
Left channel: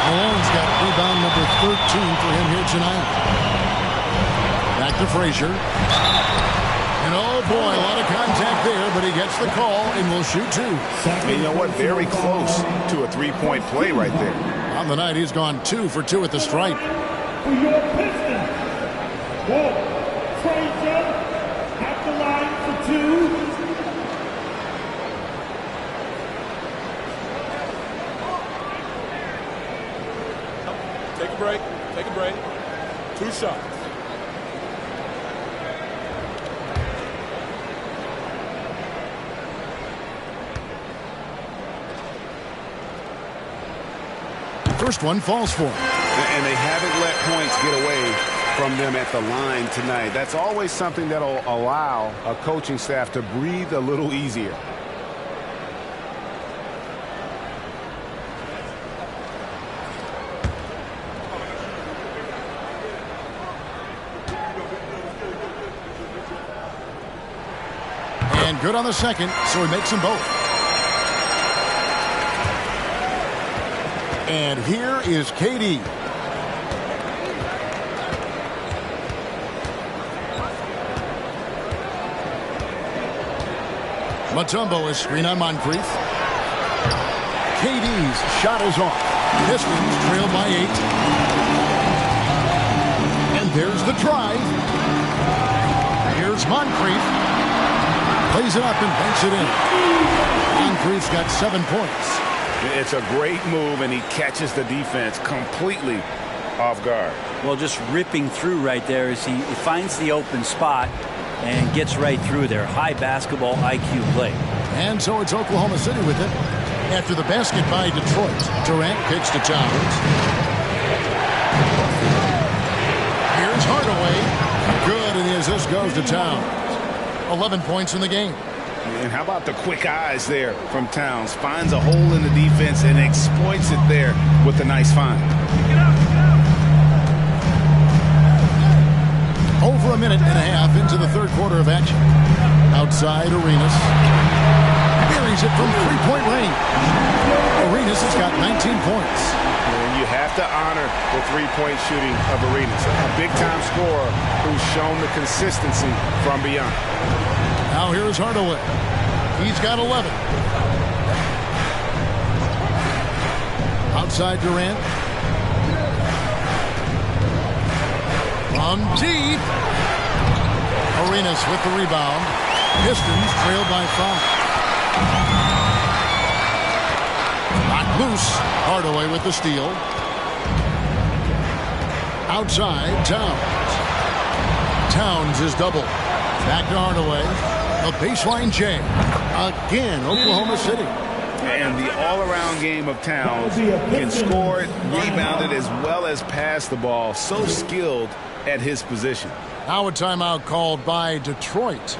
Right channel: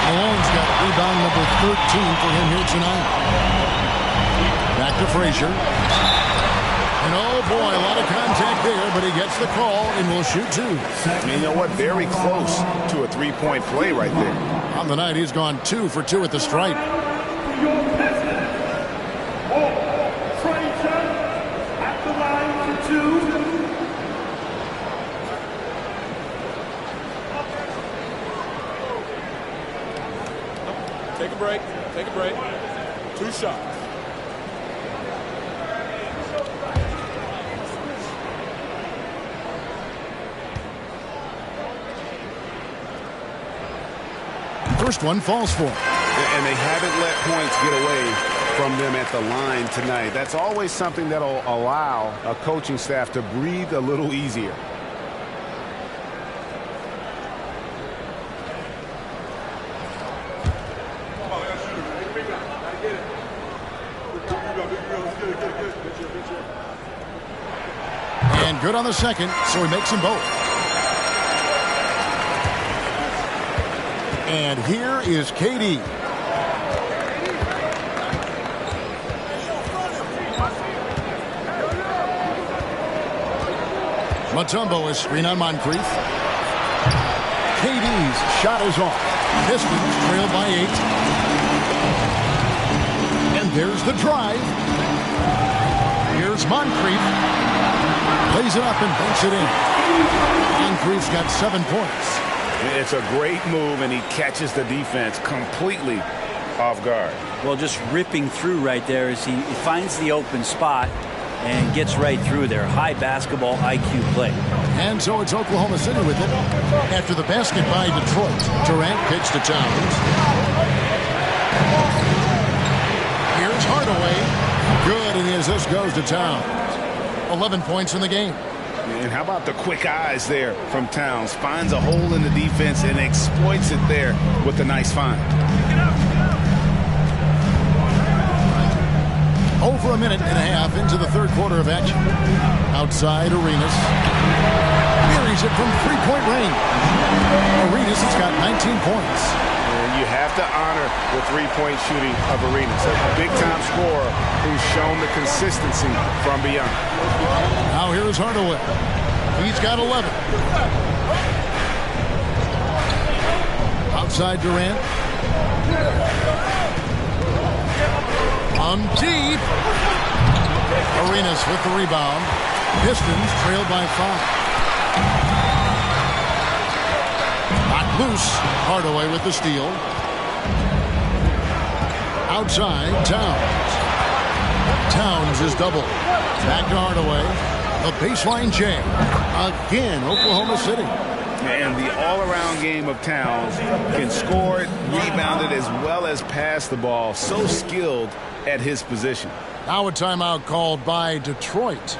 Malone's got rebound number 13 for him here tonight. Back to Frazier. And oh boy, a lot of contact there, but he gets the call and will shoot two. And you know what? Very close to a three-point play right there. On the night, he's gone 2 for 2 at the stripe. For your Pistons, Frazier at the line for 2. Take a break. Take a break. 2 shots. First one falls for him. And they haven't let points get away from them at the line tonight. That's always something that'll allow a coaching staff to breathe a little easier. And good on the second, so he makes them both. And here is KD. Mutombo is screen on Moncrief. KD's shot is off. Pistons trail by 8. And there's the drive. Here's Moncrief. Plays it up and banks it in. Moncrief's got 7 points. It's a great move, and he catches the defense completely off guard. Well, just ripping through right there as he finds the open spot and gets right through there. High basketball IQ play. And so it's Oklahoma City with it. After the basket by Detroit, Durant kicks to Towns. Here's Hardaway. Good, and the assist goes to Towns. 11 points in the game. And how about the quick eyes there from Towns? Finds a hole in the defense and exploits it there with a nice find. Over a minute and a half into the third quarter of action. Outside, Arenas. Buries it from three-point range. Arenas has got 19 points. And you have to honor the three-point shooting of Arenas. A big-time scorer who's shown the consistency from beyond. Now here's Hardaway. He's got 11. Outside Durant. From deep. Arenas with the rebound. Pistons trail by 5. Knocked loose. Hardaway with the steal. Outside, Towns. Towns is doubled. Back to Hardaway. The baseline jam. Again, Oklahoma City. And the all-around game of Towns can score it, rebound it, as well as pass the ball. So skilled at his position. Now a timeout called by Detroit.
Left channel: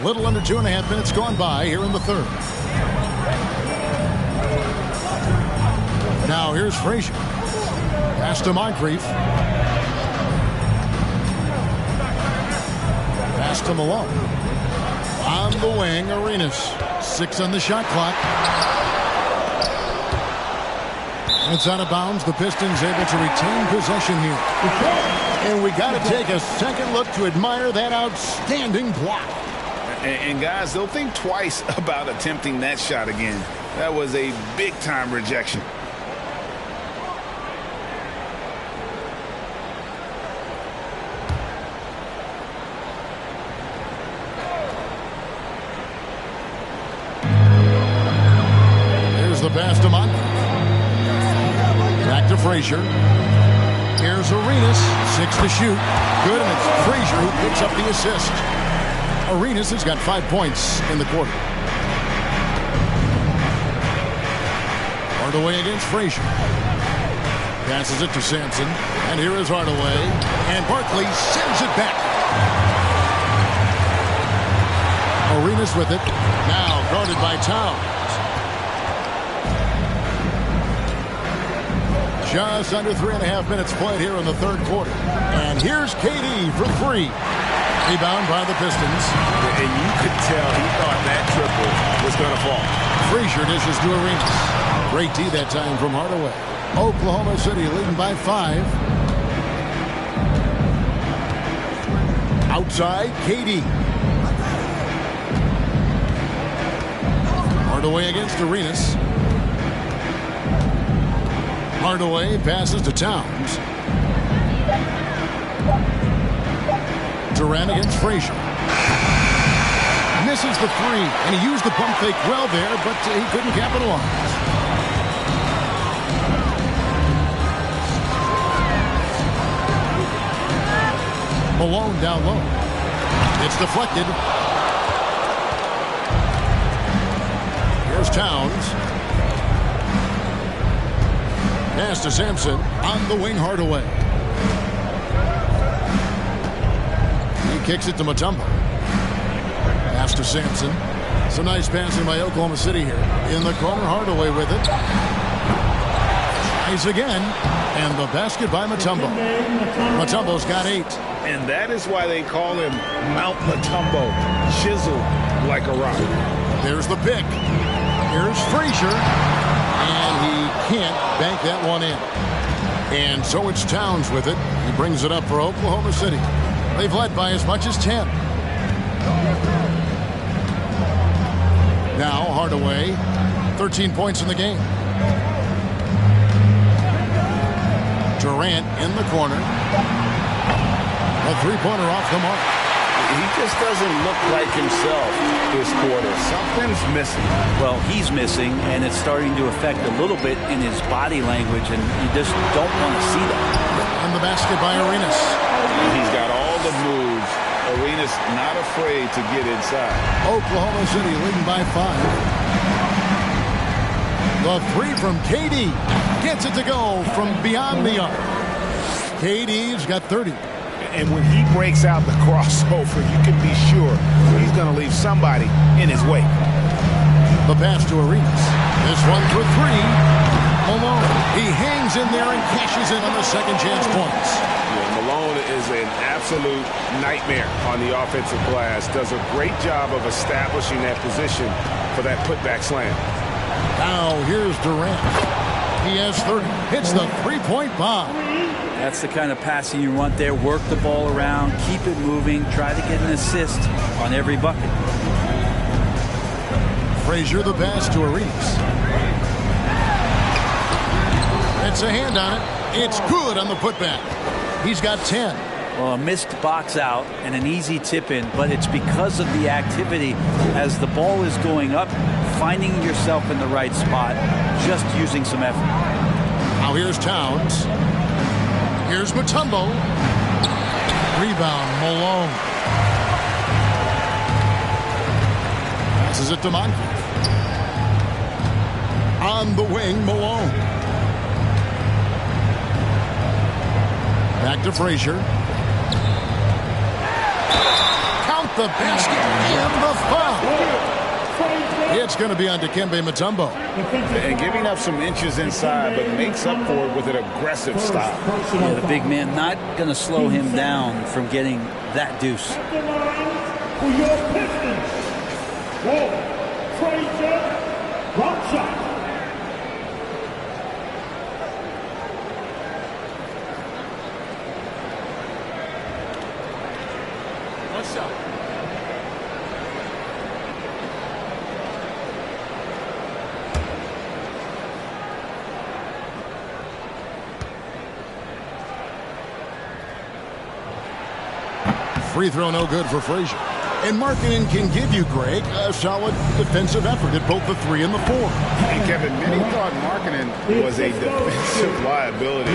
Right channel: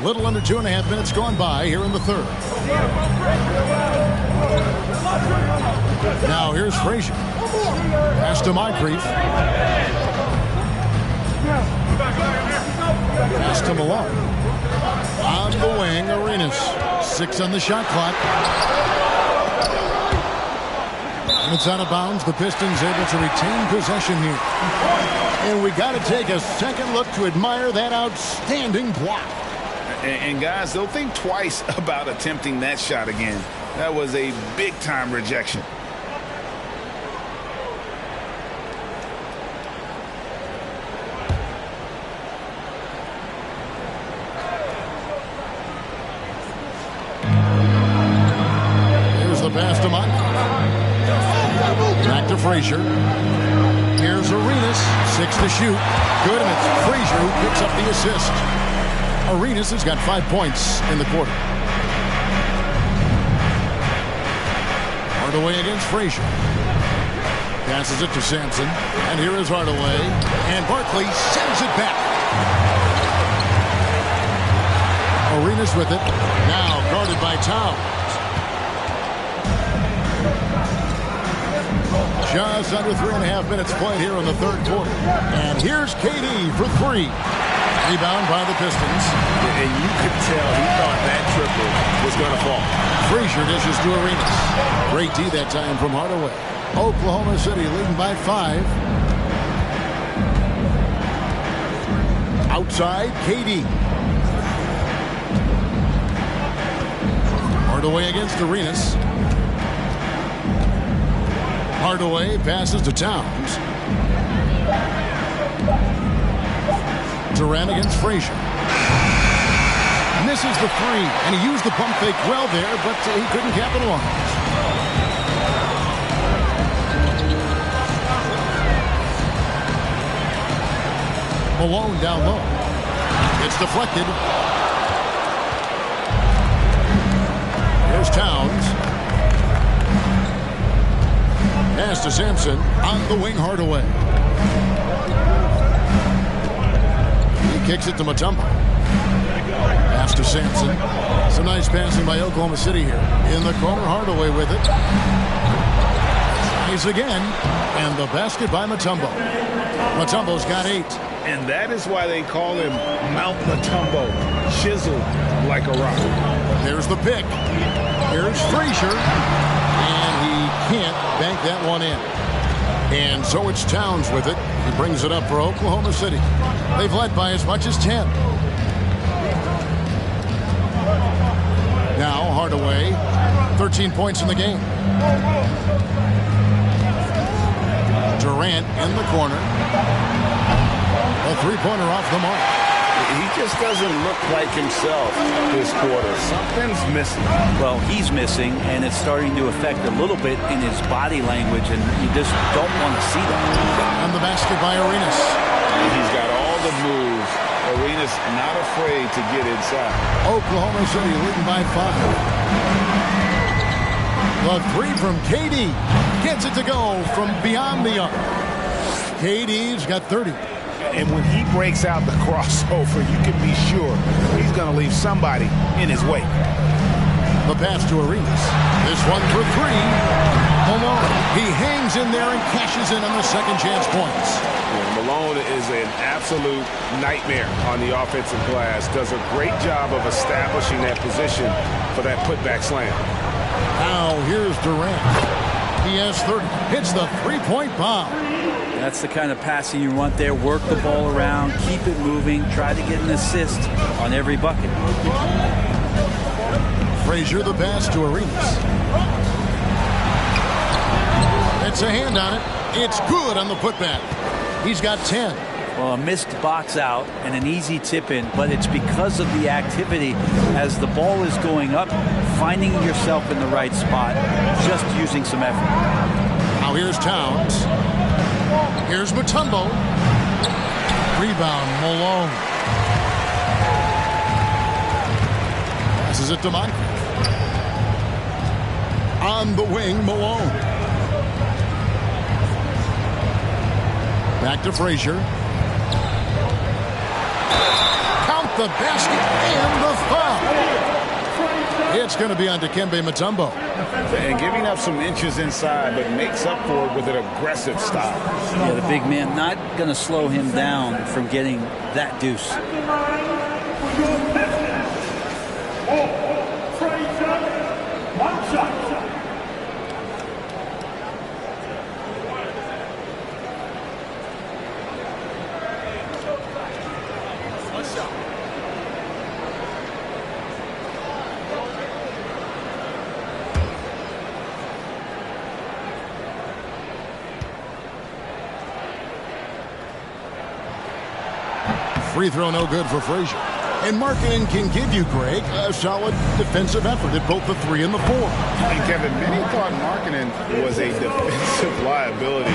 little under 2.5 minutes gone by here in the third. Now here's Frazier. Pass to Moncrief. Pass to Malone. On the wing, Arenas. 6 on the shot clock. And it's out of bounds. The Pistons able to retain possession here. And we got to take a second look to admire that outstanding block. And guys, they'll think twice about attempting that shot again. That was a big-time rejection. There's the pass to Moncrief. Back to Frazier. Here's Arenas. 6 to shoot. Good, and it's Frazier who picks up the assist. Arenas has got 5 points in the quarter. Hardaway against Frazier. Passes it to Sampson. And here is Hardaway. And Barkley sends it back. Arenas with it. Now guarded by Towns. Just under 3.5 minutes played here in the third quarter. And here's KD for 3. Rebound by the Pistons. And you could tell he thought that triple was going to fall. Frazier dishes to Arenas. Great D that time from Hardaway. Oklahoma City leading by 5. Outside, KD. Hardaway against Arenas. Hardaway passes to Towns. Durant against Frazier. Misses the 3, and he used the pump fake well there, but he couldn't capitalize. Malone down low. It's deflected. Here's Towns. Pass to Sampson. On the wing, Hardaway. He kicks it to Mutombo. Pass to Sampson. Some nice passing by Oklahoma City here. In the corner, Hardaway with it. Tries again. And the basket by Mutombo. Mutombo's got 8. And that is why they call him Mount Mutombo. Chiseled like a rock. There's the pick. Here's Frazier. And he can't bank that one in. And so it's Towns with it. He brings it up for Oklahoma City. They've led by as much as 10. Now Hardaway, 13 points in the game. Durant in the corner. A three-pointer off the mark. He just doesn't look like himself this quarter. Something's missing. Well, he's missing, and it's starting to affect a little bit in his body language, and you just don't want to see that. And the basket by Arenas. He's got all the moves. Arenas not afraid to get inside. Oklahoma City leading by 5. The 3 from KD. Gets it to go from beyond the arc. KD's got 30. And when he breaks out the crossover, you can be sure he's going to leave somebody in his wake. The pass to Arenas. This one for 3. Malone. He hangs in there and cashes in on the second chance points. Yeah, Malone is an absolute nightmare on the offensive glass. Does a great job of establishing that position for that putback slam. Now here's Durant. He has 30. Hits the three-point bomb. That's the kind of passing you want there. Work the ball around, keep it moving, try to get an assist on every bucket. Frazier the pass to Arenas. It's a hand on it. It's good on the putback. He's got 10. Well, a missed box out and an easy tip in, but it's because of the activity as the ball is going up, finding yourself in the right spot, just using some effort. Now here's Towns. Here's Mutombo. Rebound, Malone. Passes it to Moncrief. On the wing, Malone. Back to Frazier. Count the basket and the foul. It's going to be on Dikembe Mutombo. And giving up some inches inside, but makes up for it with an aggressive stop. Yeah, the big man not going to slow him down from getting that deuce. At the line for your Pistons. Whoa, Frazier, one shot. One shot. Free throw no good for Frazier. And Markkanen can give you, Greg, a solid defensive effort at both the 3 and the 4. And Kevin, many thought Markkanen was a defensive liability,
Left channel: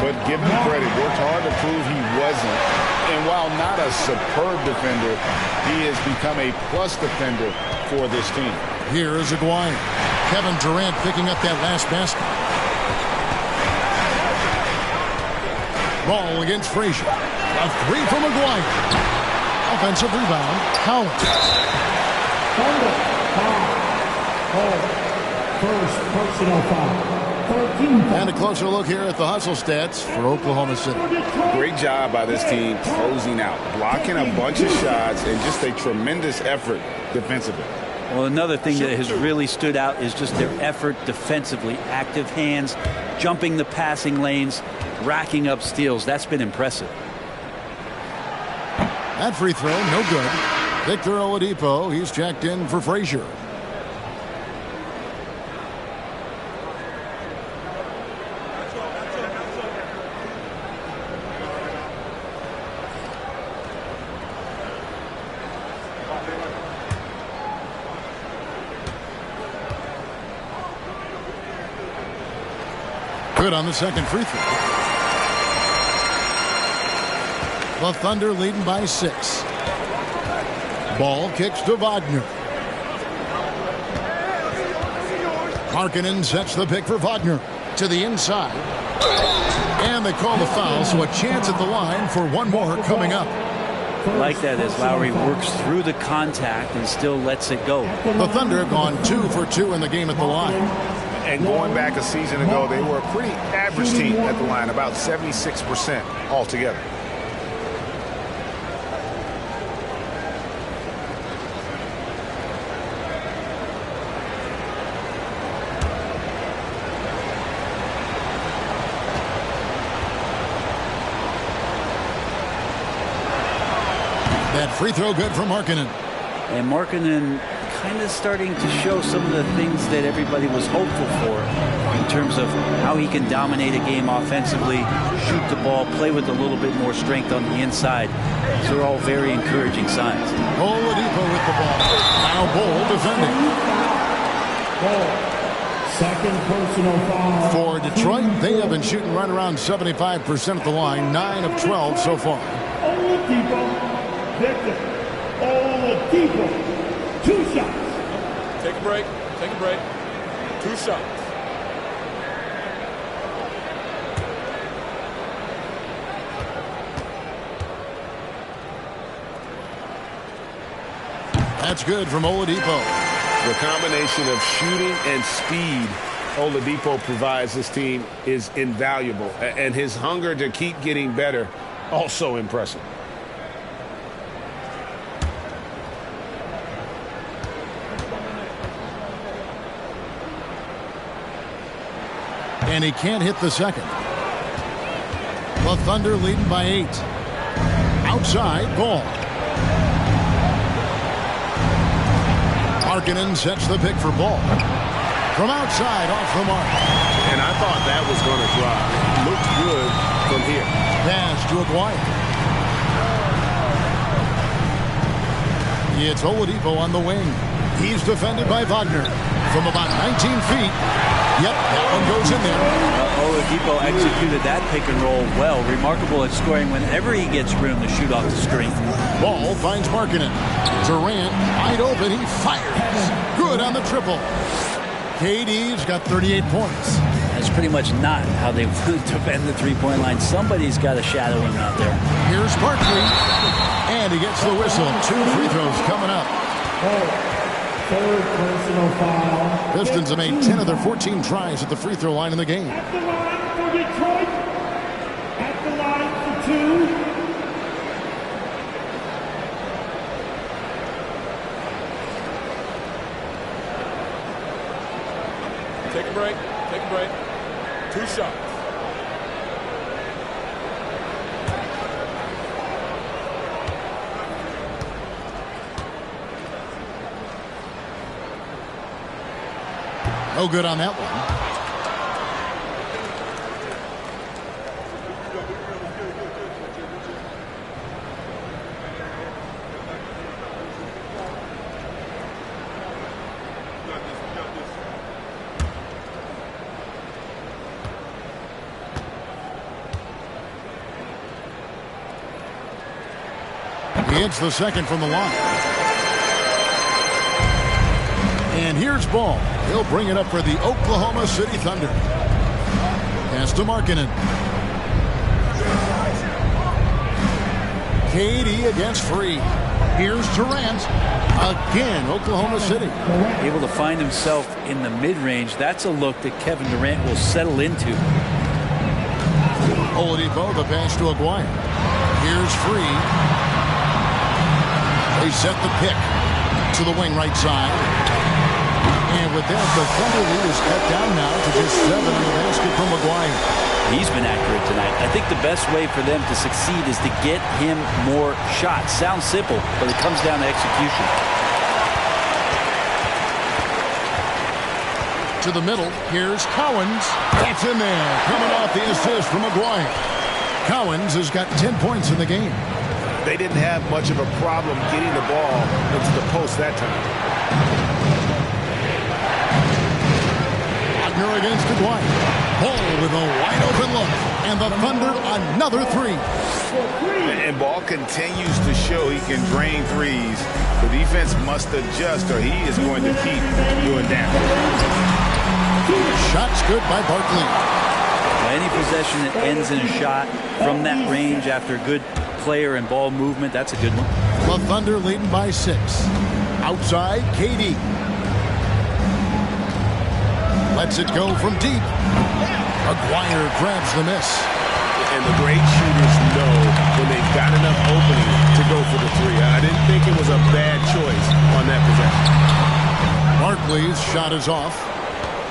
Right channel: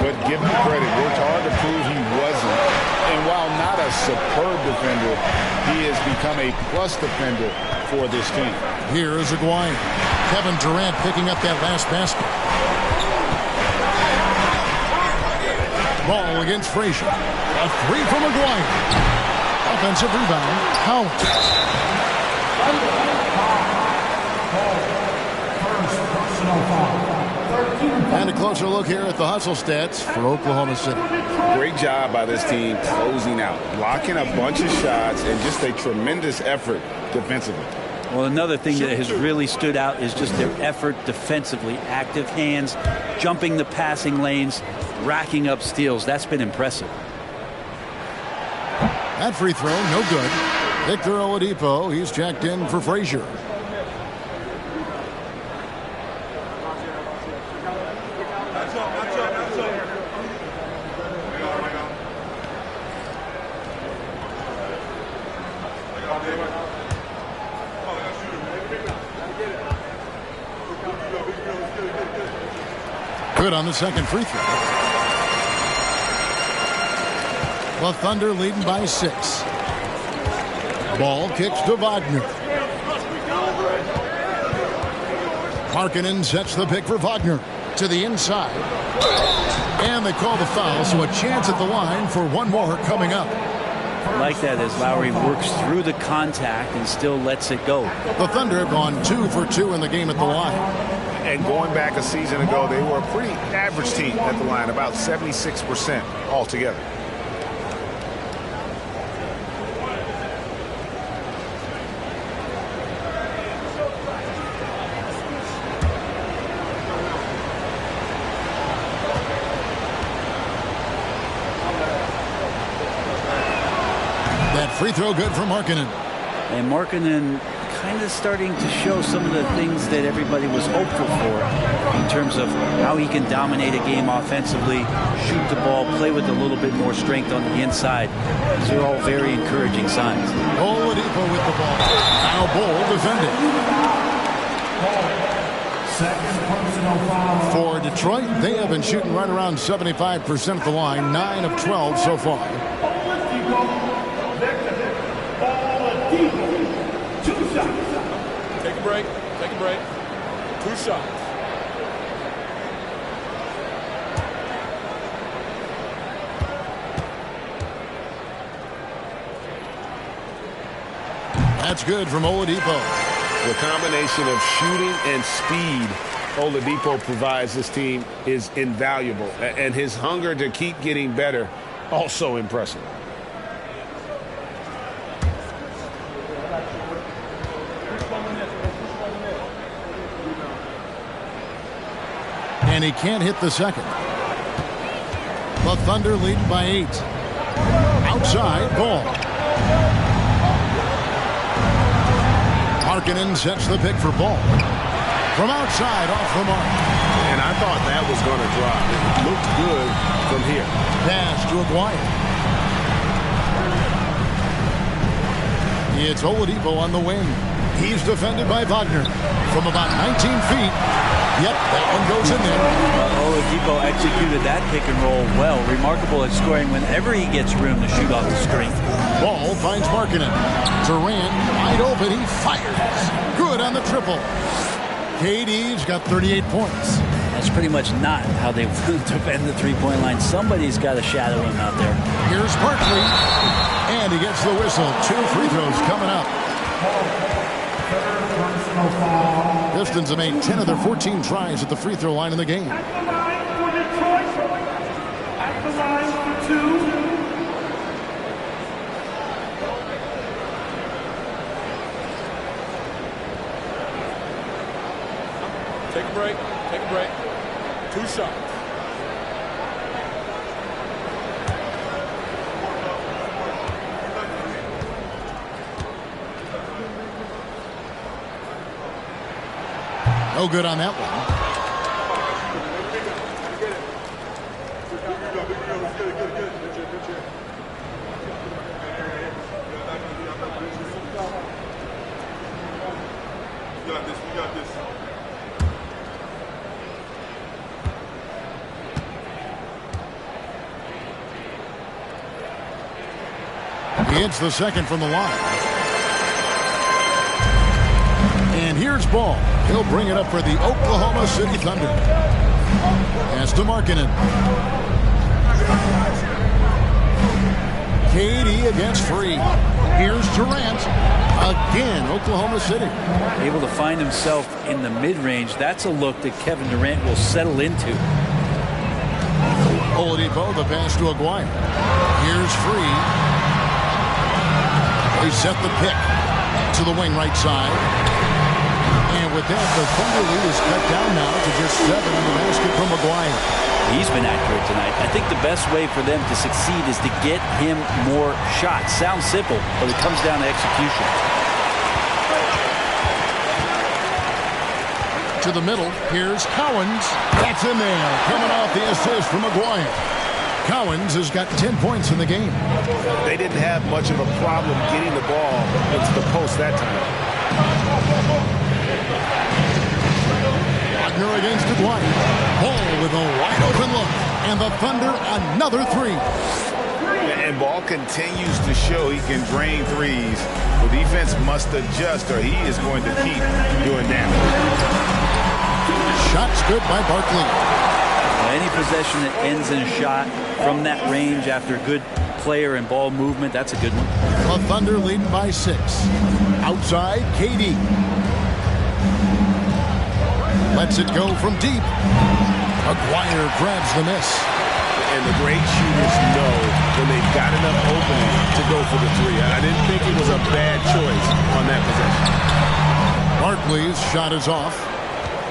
but give him credit, worked hard to prove he wasn't. And while not a superb defender, he has become a plus defender for this team. Here is Aguirre. Kevin Durant picking up that last basket. Ball against Frazier. A 3 from Aguirre. Offensive rebound, Collins. First personal foul. 13 And a closer look here at the hustle stats for Oklahoma City. Great job by this team closing out, blocking a bunch of shots, and just a tremendous effort defensively. Well, another thing that has really stood out is just their effort defensively. Active hands, jumping the passing lanes, racking up steals. That's been impressive. That free throw, no good. Victor Oladipo, he's checked in for Frazier. Good on the second free throw. The Thunder leading by 6. Ball kicks to Wagner. Markkanen sets the pick for Wagner to the inside. And they call the foul, so a chance at the line for one more coming up. I like that as Lowry works through the contact and still lets it go. The Thunder have gone 2 for 2 in the game at the line. And going back a season ago, they were a pretty average team at the line, about 76% altogether. That free throw good for Markkanen. And Markkanen kind of starting to show some of the things that everybody was hopeful for in terms of how he can dominate a game offensively, shoot the ball, play with a little bit more strength on the inside. These are all very encouraging signs. Oladipo with the ball. Now Bol defending. Second personal foul. For Detroit, they have been shooting right around 75% at the line, 9 of 12 so far. Oladipo. Victor. Oladipo. 2 shots. Take a break. Take a break. 2 shots. That's good from Oladipo. The combination of shooting and speed Oladipo provides this team is invaluable. And his hunger to keep getting better, also impressive. And he can't hit the second. The Thunder leading by 8. Outside, Ball. Markkanen sets the pick for Ball. From outside, off the mark. And I thought that was going to drop. It looked good from here. Pass to Aguirre. It's Oladipo on the wing. He's defended by Wagner from about 19 feet. Yep, that one goes in there. Oladipo executed that pick and roll well. Remarkable at scoring whenever he gets room to shoot off the screen. Ball finds Markkanen. Durant wide open. He fires. Good on the triple. KD's got 38 points. That's pretty much not how they want to defend the three-point line. Somebody's got to shadow him out there. Here's Barkley, and he gets the whistle. 2 free throws coming up. Third personal foul. Pistons have made 10 of their 14 tries at the free throw line in the game. At the line for Detroit. At the line for 2. Take a break. Take a break. 2 shots. No good on that one. We got this. He hits the second from the line. And here's Ball. He'll bring it up for the Oklahoma City Thunder. Pass to Markkanen. KD against Free. Here's Durant. Again, Oklahoma City. Able to find himself in the mid-range. That's a look that Kevin Durant will settle into. Oladipo, the pass to Aguirre. Here's Free. They set the pick to the wing right side. And with that, the Thunder lead is cut down now to just 7 on the basket from Maguire. He's been accurate tonight. I think the best way for them to succeed is to get him more shots. Sounds simple, but it comes down to execution. To the middle, here's Cowens. That's in there, coming off the assist from Maguire. Cowens has got 10 points in the game. They didn't have much of a problem getting the ball into the post that time. Wagner against Aguirre. Ball with a wide open look. And the Thunder another 3. And Ball continues to show he can drain threes. The defense must adjust or he is going to keep doing damage. Shots good by Barkley. Any possession that ends in a shot from that range after good player and ball movement, that's a good one. The Thunder leading by 6. Outside, KD. Lets it go from deep. Aguirre grabs the miss. And the great shooters know when they've got enough opening to go for the 3. I didn't think it was a bad choice on that possession. Barkley's shot is off.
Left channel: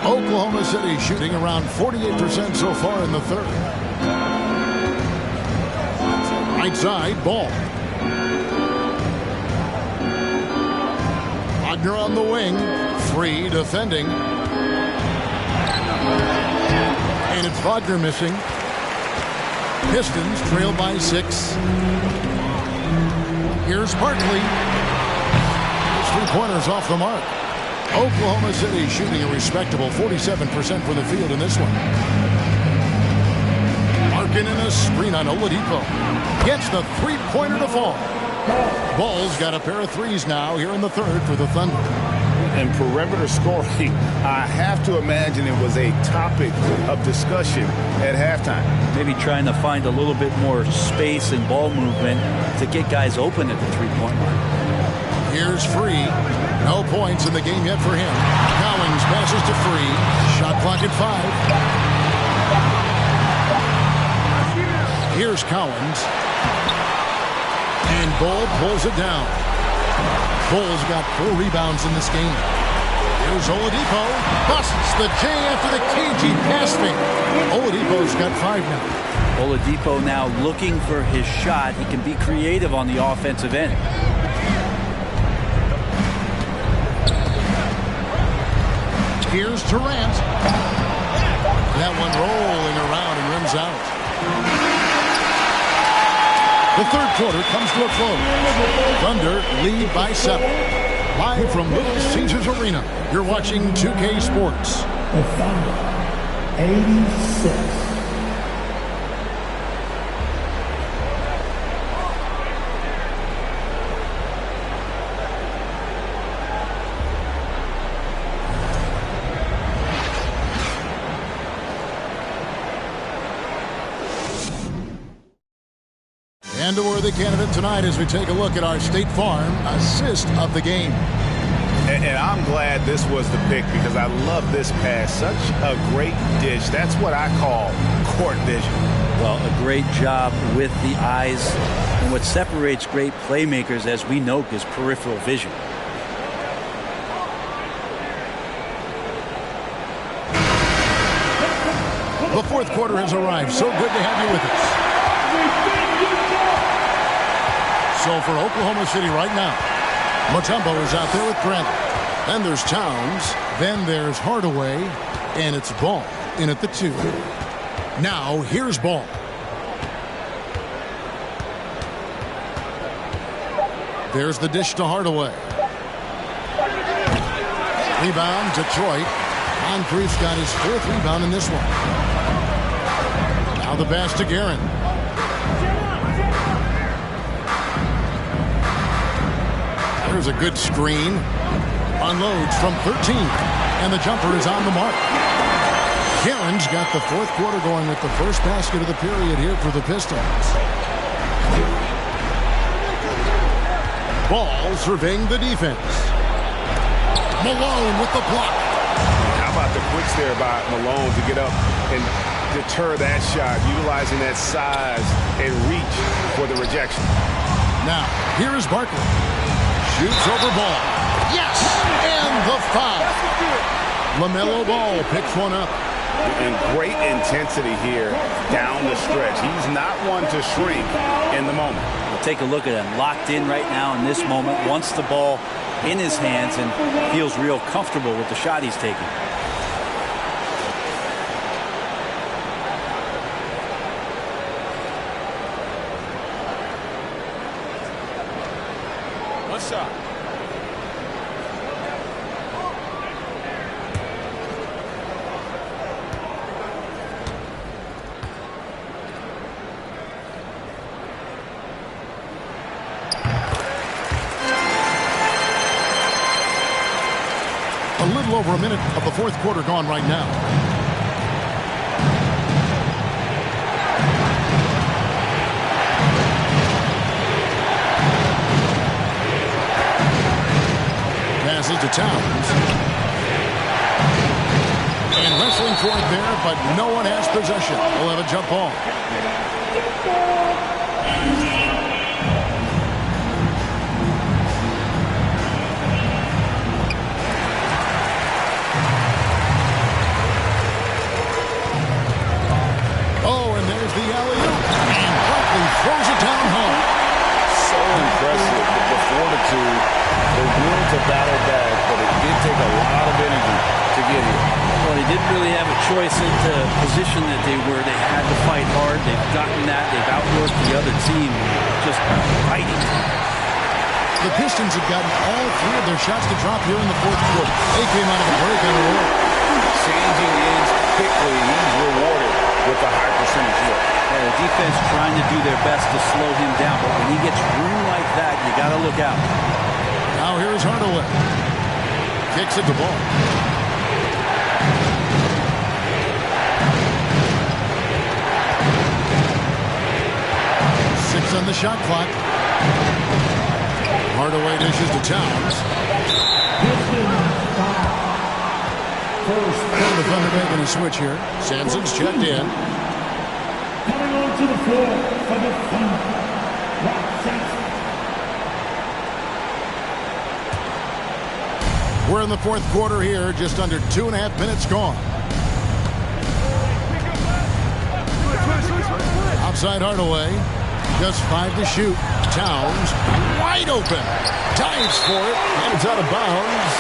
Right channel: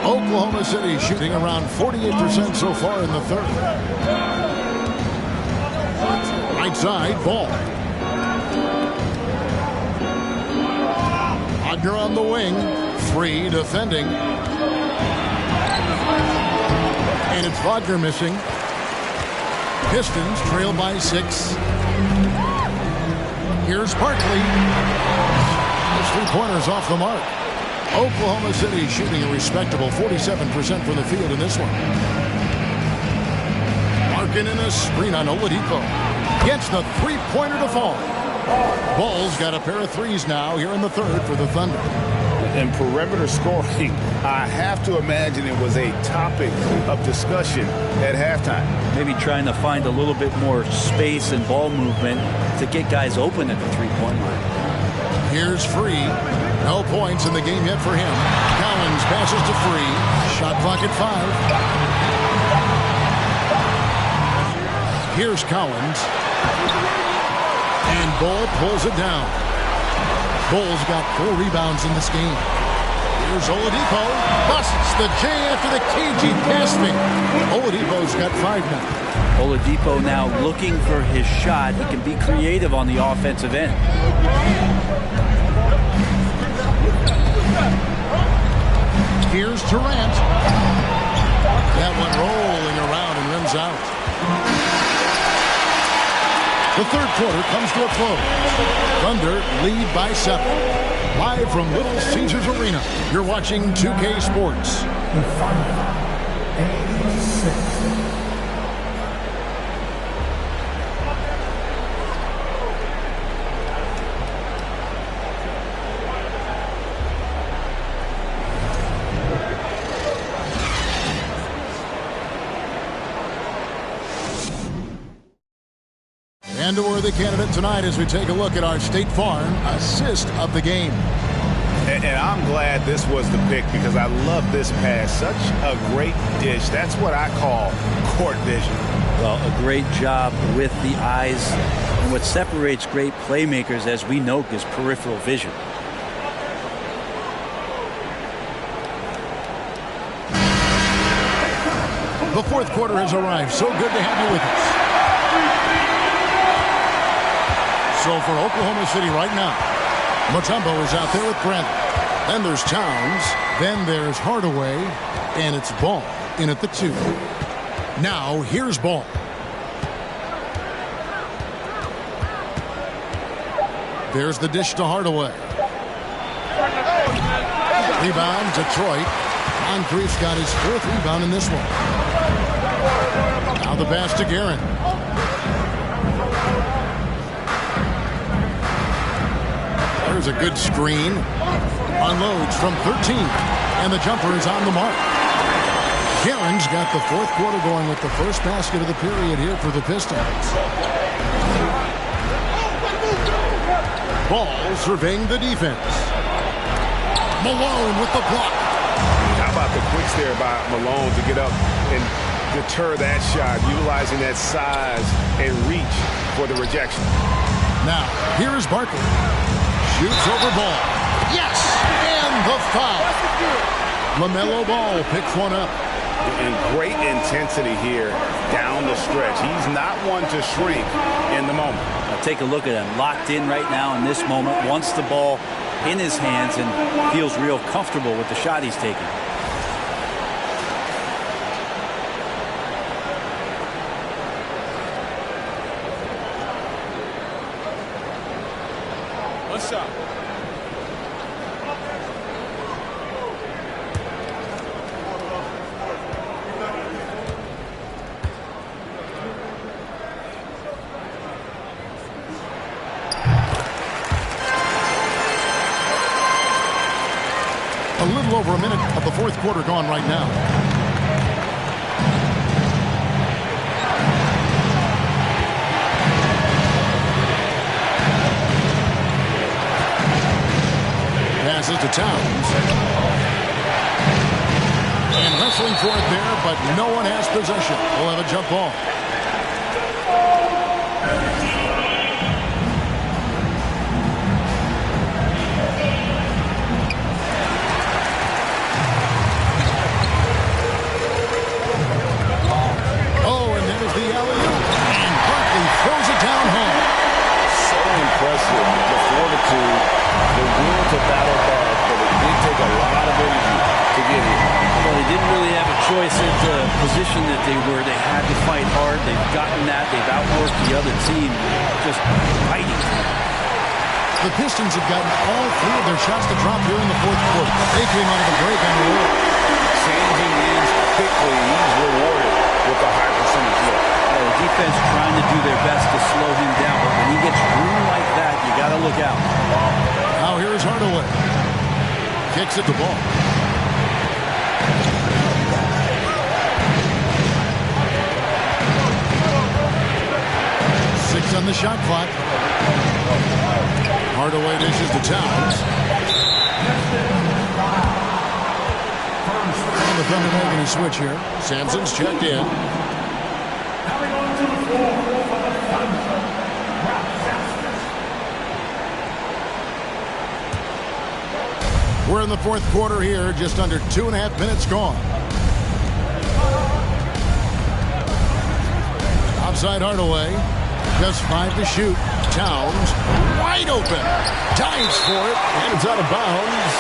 Oklahoma City shooting around 48% so far in the third. Right side, Ball. Wagner on the wing. Free defending. And it's Wagner missing. Pistons trail by 6. Here's Barkley. His 3-pointers off the mark. Oklahoma City shooting a respectable 47% from the field in this one. Markkanen a screen on Oladipo. Gets the 3-pointer to fall. Ball's got a pair of 3s now here in the third for the Thunder. And perimeter scoring, I have to imagine it was a topic of discussion at halftime. Maybe trying to find a little bit more space and ball movement to get guys open at the 3-point line. Here's Free. No points in the game yet for him. Cowens passes to Free. Shot clock at 5. Here's Cowens. And Ball pulls it down. Bull's got 4 rebounds in this game. Here's Oladipo. Busts the J after the cagey pass fake. Oladipo's got 5 now. Oladipo now looking for his shot. He can be creative on the offensive end. Here's Durant. That one rolling around and rims out. The third quarter comes to a close. Thunder lead by 7. Live from Little Caesars Arena, you're watching 2K Sports. The Thunder, 86. And a worthy candidate tonight as we take a look at our State Farm assist of the game. And I'm glad this was the pick because I love this pass. Such a great dish. That's what I call court vision. Well, a great job with the eyes. And what separates great playmakers, as we know, is peripheral vision. The fourth quarter has arrived. So good to have you with us. So for Oklahoma City right now, Mutombo is out there with Bradley. Then there's Towns. Then there's Hardaway. And it's Ball in at the 2. Now here's Ball. There's the dish to Hardaway. Rebound, Detroit. Moncrief's got his 4th rebound in this one. Now the pass to Guerin. There's a good screen. Unloads from 13. And the jumper is on the mark. Guerin's got the 4th quarter going with the first basket of the period here for the Pistons. Ball surveying the defense. Malone with the block. How about the quicks there by Malone to get up and deter that shot, utilizing that size and reach for the rejection. Now, here is Barkley. Shoots over Ball. Yes! And the foul. LaMelo Ball picks one up. And great intensity here down the stretch. He's not one to shrink in the moment. Now take a look at him. Locked in right now in this moment. Wants the ball in his hands and feels real comfortable with the shot he's taking. One shot. A little over a minute of the 4th quarter gone right now. Passes to Towns. And wrestling for it there, but no one has possession. We'll have a jump ball. Oh, and there's the alley-oop. And Barkley throws it down home. So impressive, the fortitude, the will to battle back, but it did take a lot of energy to get here. Well, they didn't really have a choice in the position that they were. They had to fight hard. They've gotten that. They've outworked the other team, just fighting tonight. The Pistons have gotten all 3 of their shots to drop here in the 4th quarter. They came out of the break on a roll. Changing ends quickly, he's rewarded with a high percentage look. Yeah, the defense trying to do their best to slow him down, but when he gets room like that, you got to look out. Now here's Hardaway. Kicks it to Ball. Six on the shot clock. Hardaway dishes to Towns. And the Thunder making a switch here. Sampson's checked in. Coming onto the floor for the Thunder, Rob Sampson. We're in the 4th quarter here, just under 2.5 minutes gone. Outside Hardaway, just 5 to shoot. Towns, wide open, dives for it, and it's out of bounds.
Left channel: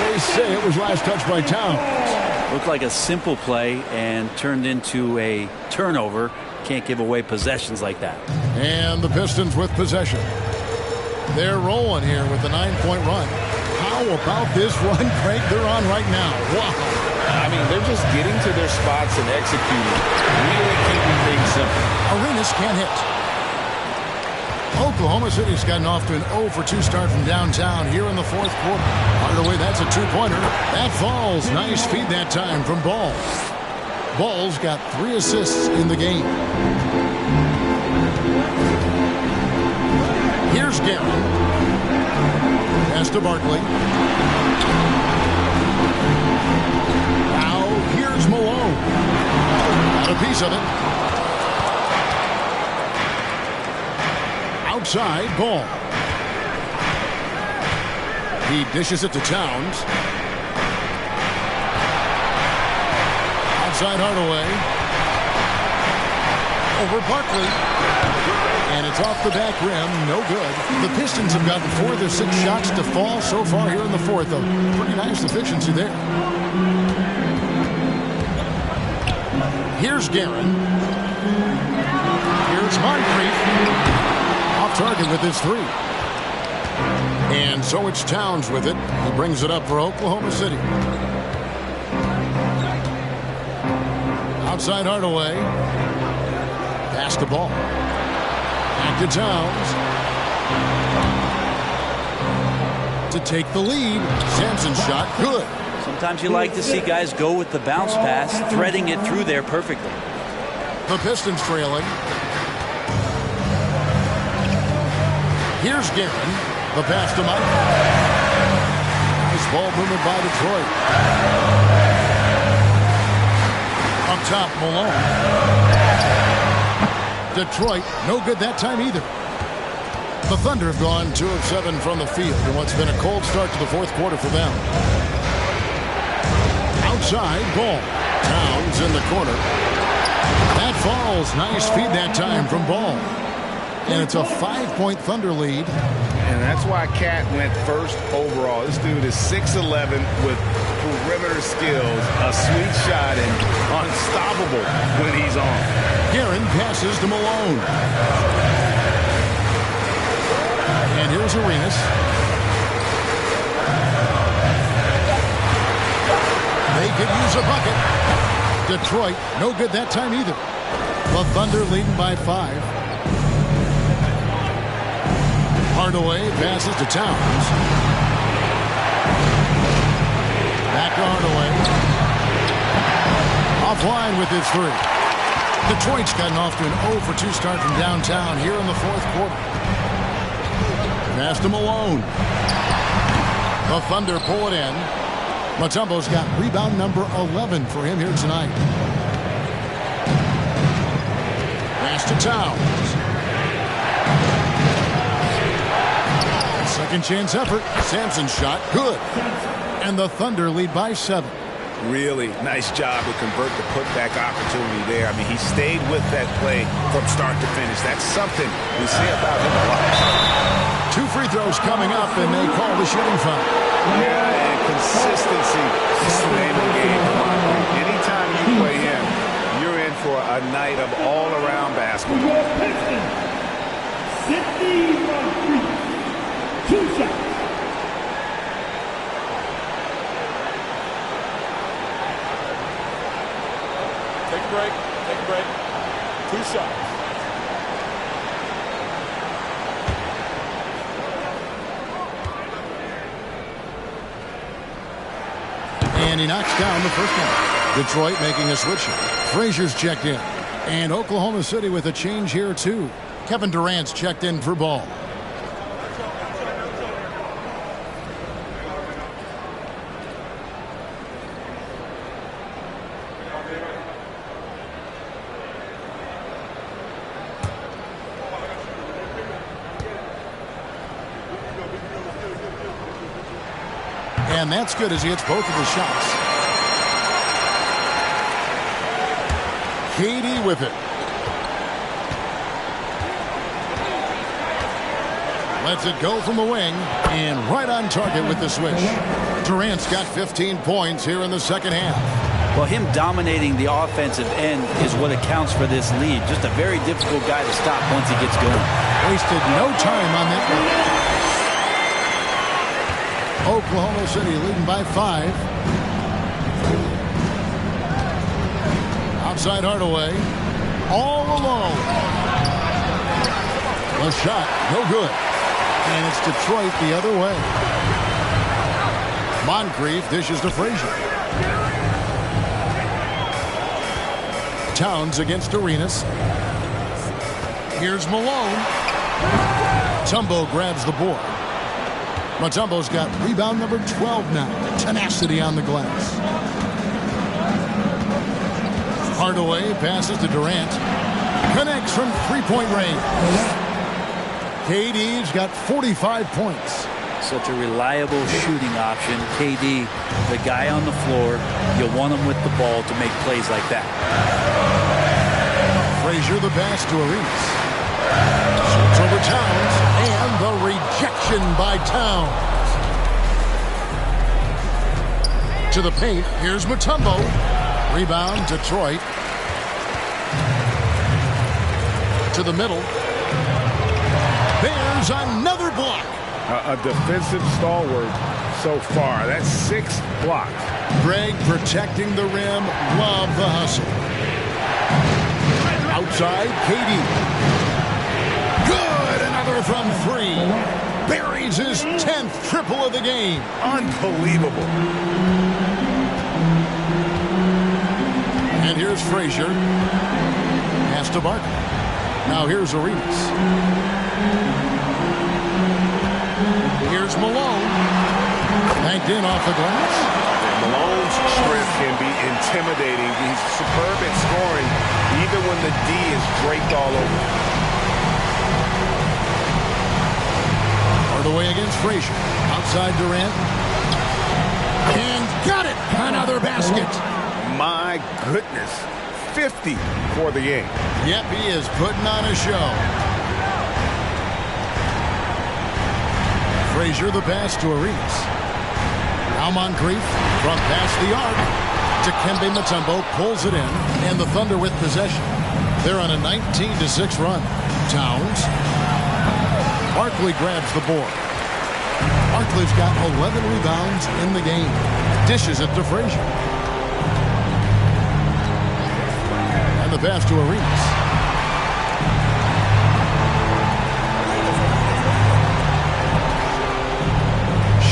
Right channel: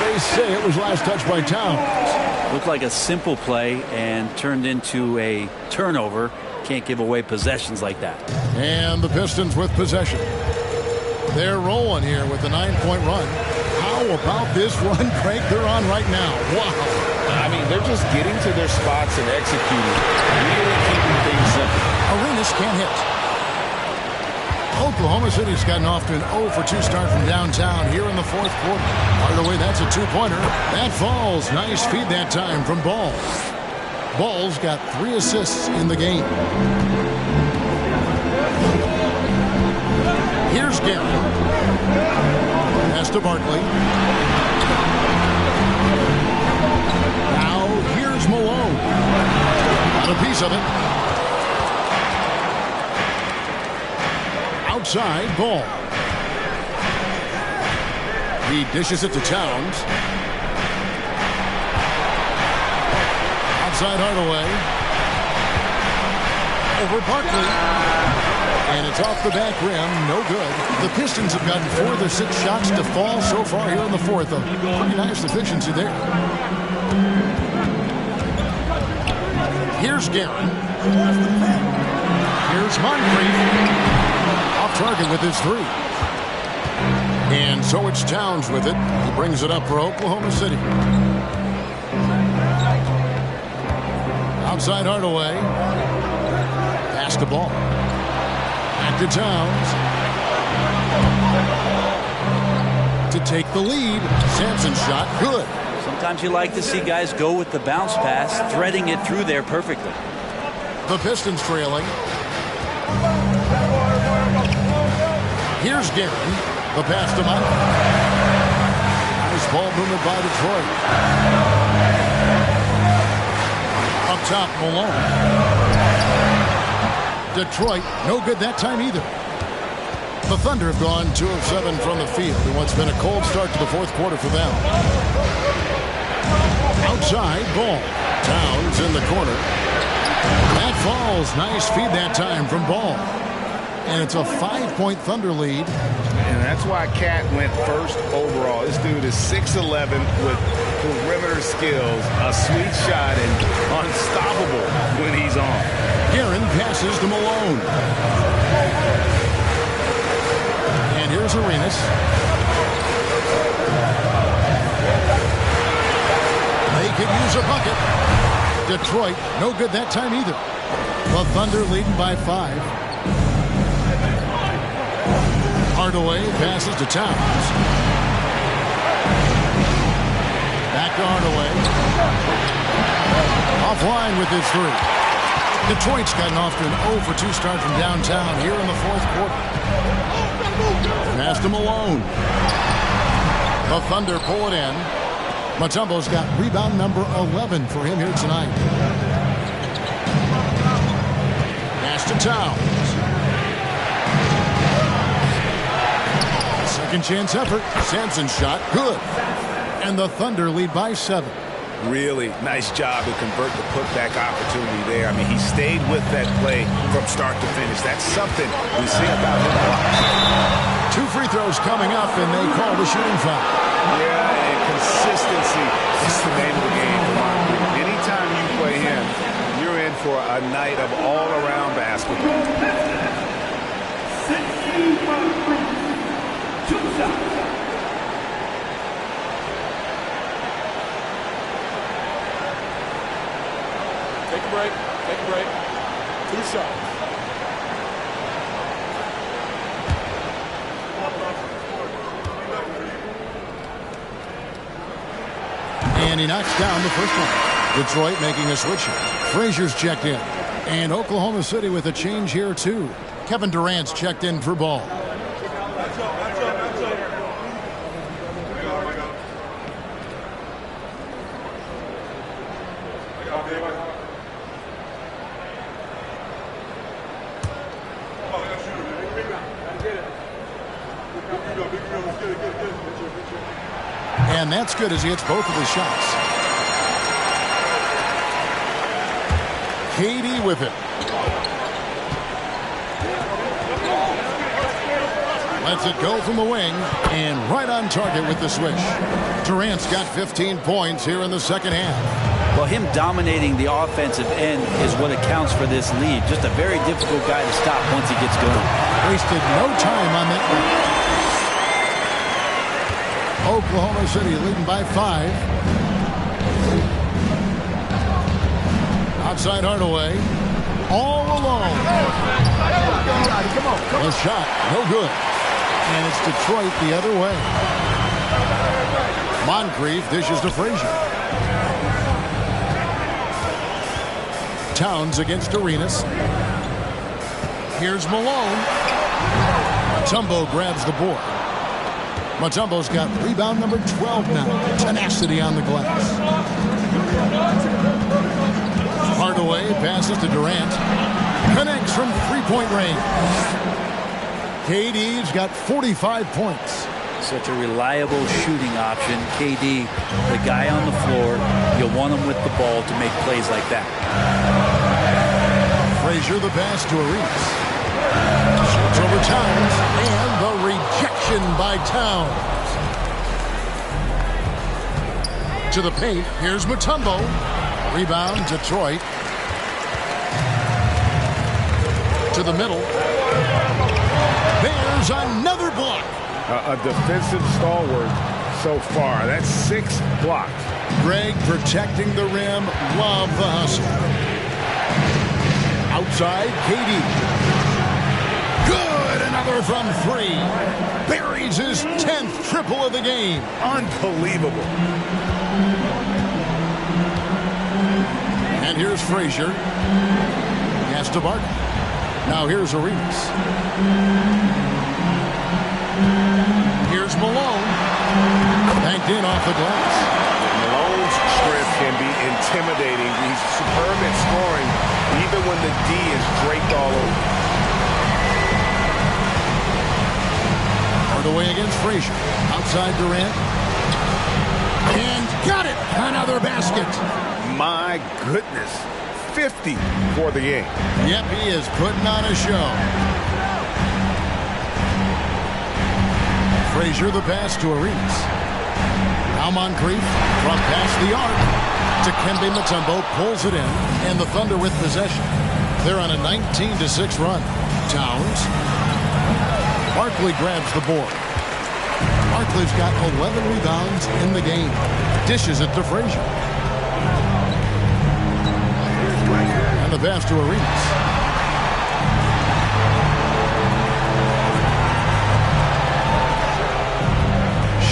They say it was last touched by Towns. Looked like a simple play and turned into a turnover. Can't give away possessions like that. And the Pistons with possession. They're rolling here with a 9-point run. How about this run, Craig, they're on right now? Wow. I mean, they're just getting to their spots and executing, really keeping things simple. Arenas can't hit. Oklahoma City's gotten off to an 0-for-2 start from downtown here in the 4th quarter. Hardaway, that's a 2-pointer. That falls. Nice feed that time from Ball. Ball's got 3 assists in the game. Here's Guerin. Pass to Barkley. Now here's Malone. Got a piece of it. Outside ball. He dishes it to Towns. Outside Hardaway. Over Barkley. And it's off the back rim. No good. The Pistons have gotten 4 of their 6 shots to fall so far here in the fourth. A pretty nice efficiency there. Here's Guerin. Here's Moncrief. Off target with his 3. And so it's Towns with it. He brings it up for Oklahoma City. Outside Hardaway. Pass the ball. Back to Towns. To take the lead. Sampson's shot, good. Sometimes you like to see guys go with the bounce pass, threading it through there perfectly. The Pistons trailing. Here's Guerin. The pass to Mike. Nice ball movement by Detroit. Up top, Malone. Detroit, no good that time either. The Thunder have gone 2 of 7 from the field in what's been a cold start to the fourth quarter for them. Outside ball. Towns in the corner. That falls. Nice feed that time from Ball. And it's a 5-point Thunder lead. And that's why Cat went first overall. This dude is 6'11" with perimeter skills, a sweet shot, and unstoppable when he's on. Guerin passes to Malone. And here's Arenas. They could use a bucket. Detroit, no good that time either. The Thunder leading by 5. Hardaway passes to Towns. Back to Hardaway. Offline with his 3. Detroit's gotten off to an 0 for 2 start from downtown here in the fourth quarter. Pass to Malone. The Thunder pull it in. Mutombo's got rebound number 11 for him here tonight. Pass to Towns. Second chance effort. Sampson's shot, good. And the Thunder lead by 7. Really nice job to convert the putback opportunity there. I mean, he stayed with that play from start to finish. That's something we see about him a lot. 2 free throws coming up, and they call the shooting foul. Yeah, and consistency is the name of the game for Moncrief. Anytime you play him, you're in for a night of all-around basketball. 60 Moncrief. 2 shots. Take a break. Take a break. 2 shots. And he knocks down the first one. Detroit making a switch here. Frazier's checked in. And Oklahoma City with a change here, too. Kevin Durant's checked in for Ball. And that's good as he hits both of his shots. KD with it. Lets it go from the wing and right on target with the swish. Durant's got 15 points here in the second half. Well, him dominating the offensive end is what accounts for this lead. Just a very difficult guy to stop once he gets going. Wasted no time on that one. Oklahoma City leading by 5. Outside Hardaway. All alone. The shot, no good. And it's Detroit the other way. Moncrief dishes to Frazier. Towns against Arenas. Here's Malone. Mutombo grabs the board. Mutombo's got rebound number 12 now. Tenacity on the glass. Hardaway passes to Durant. Connects from three-point range. KD's got 45 points. Such a reliable shooting option. KD, the guy on the floor, you want him with the ball to make plays like that. Frazier the pass to Arenas. Shoots over Towns, and the rejection by Towns. To the paint, here's Mutombo. Rebound, Detroit. To the middle. There's another block. A defensive stalwart so far. That's 6 blocks. Greg protecting the rim. Love the hustle. Outside, KD. Good. Another from 3. Buries his 10th triple of the game. Unbelievable. And here's Frazier. Pass to Barkley. Now here's Arenas. Here's Malone. Banked in off the glass. Yeah, Malone's strength can be intimidating. He's superb at scoring, even when the D is draped all over. Hardaway against Frazier. Outside Durant. And got it! Another basket. My goodness. 50 for the game. Yep, he is putting on a show. Frazier the pass to Arenas. Now Moncrief from past the arc to Kembe Mutombo, pulls it in, and the Thunder with possession. They're on a 19-6 run. Towns. Barkley grabs the board. Barkley's got 11 rebounds in the game. Dishes it to Frazier. And the pass to Arenas.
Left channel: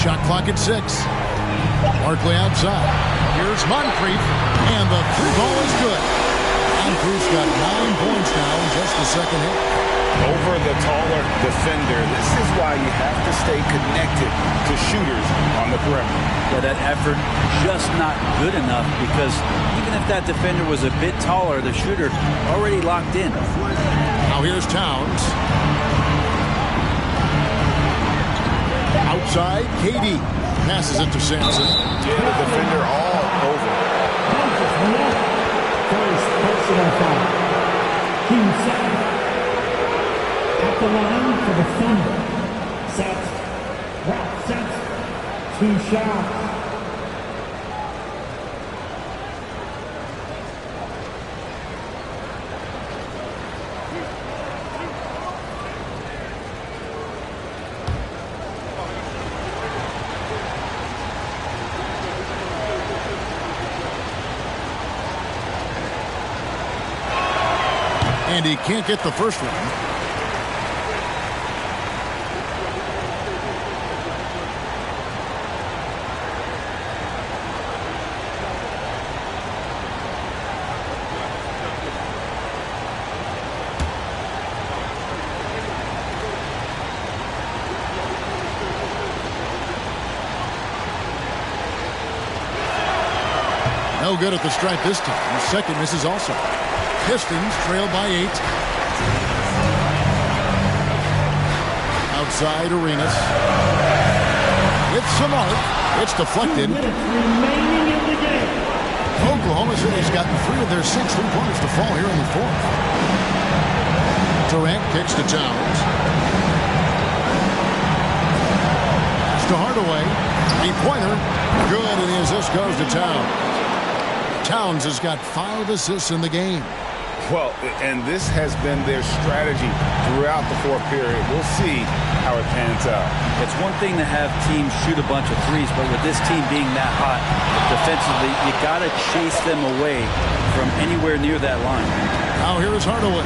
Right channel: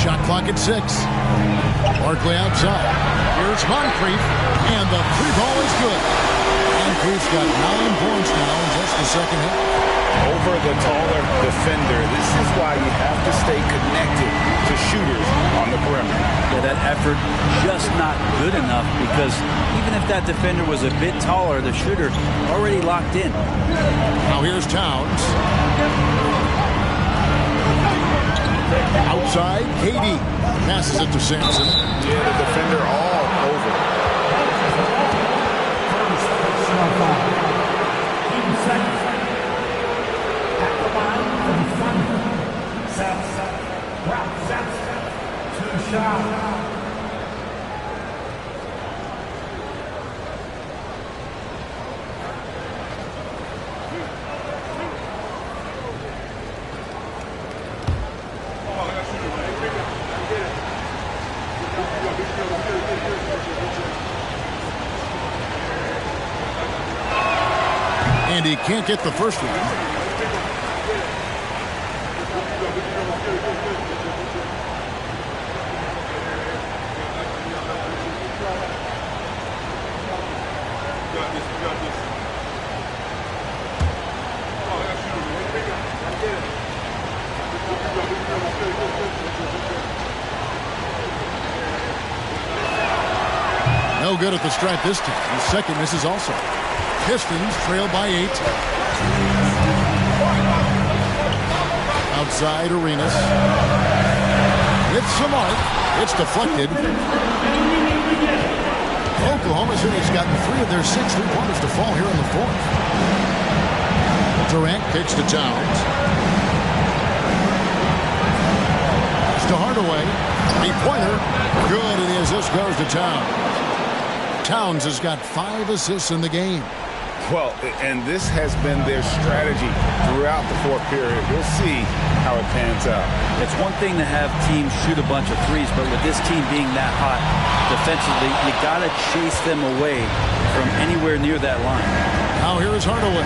Shot clock at 6. Barkley outside. Here's Moncrief, and the 3 ball is good. Moncrief's got 9 points now in just the second half. Over the taller defender. This is why you have to stay connected to shooters on the perimeter. Yeah, that effort just not good enough, because even if that defender was a bit taller, the shooter already locked in. Now here's Towns. Outside, KD passes it to Sampson. Yeah, the defender all over. First personal foul. Team second. At the line for the Thunder. Sampson. Ralph Sampson. 2 shots. And he can't get the first one. No good at the stripe this time. His second misses also. Pistons trail by 8. Outside Arenas. With some arc. It's deflected. Oklahoma City's gotten 3 of their 6 3-pointers to fall here in the 4th. Durant kicks to Towns. Pass to Hardaway. 3-pointer. Good, and the assist goes to Towns. Towns has got 5 assists in the game. Well, and this has been their strategy throughout the 4th period. We'll see how it pans out. It's one thing to have teams shoot a bunch of threes, but with this team being that hot defensively, you got to chase them away from anywhere near that line. Now here is Hardaway.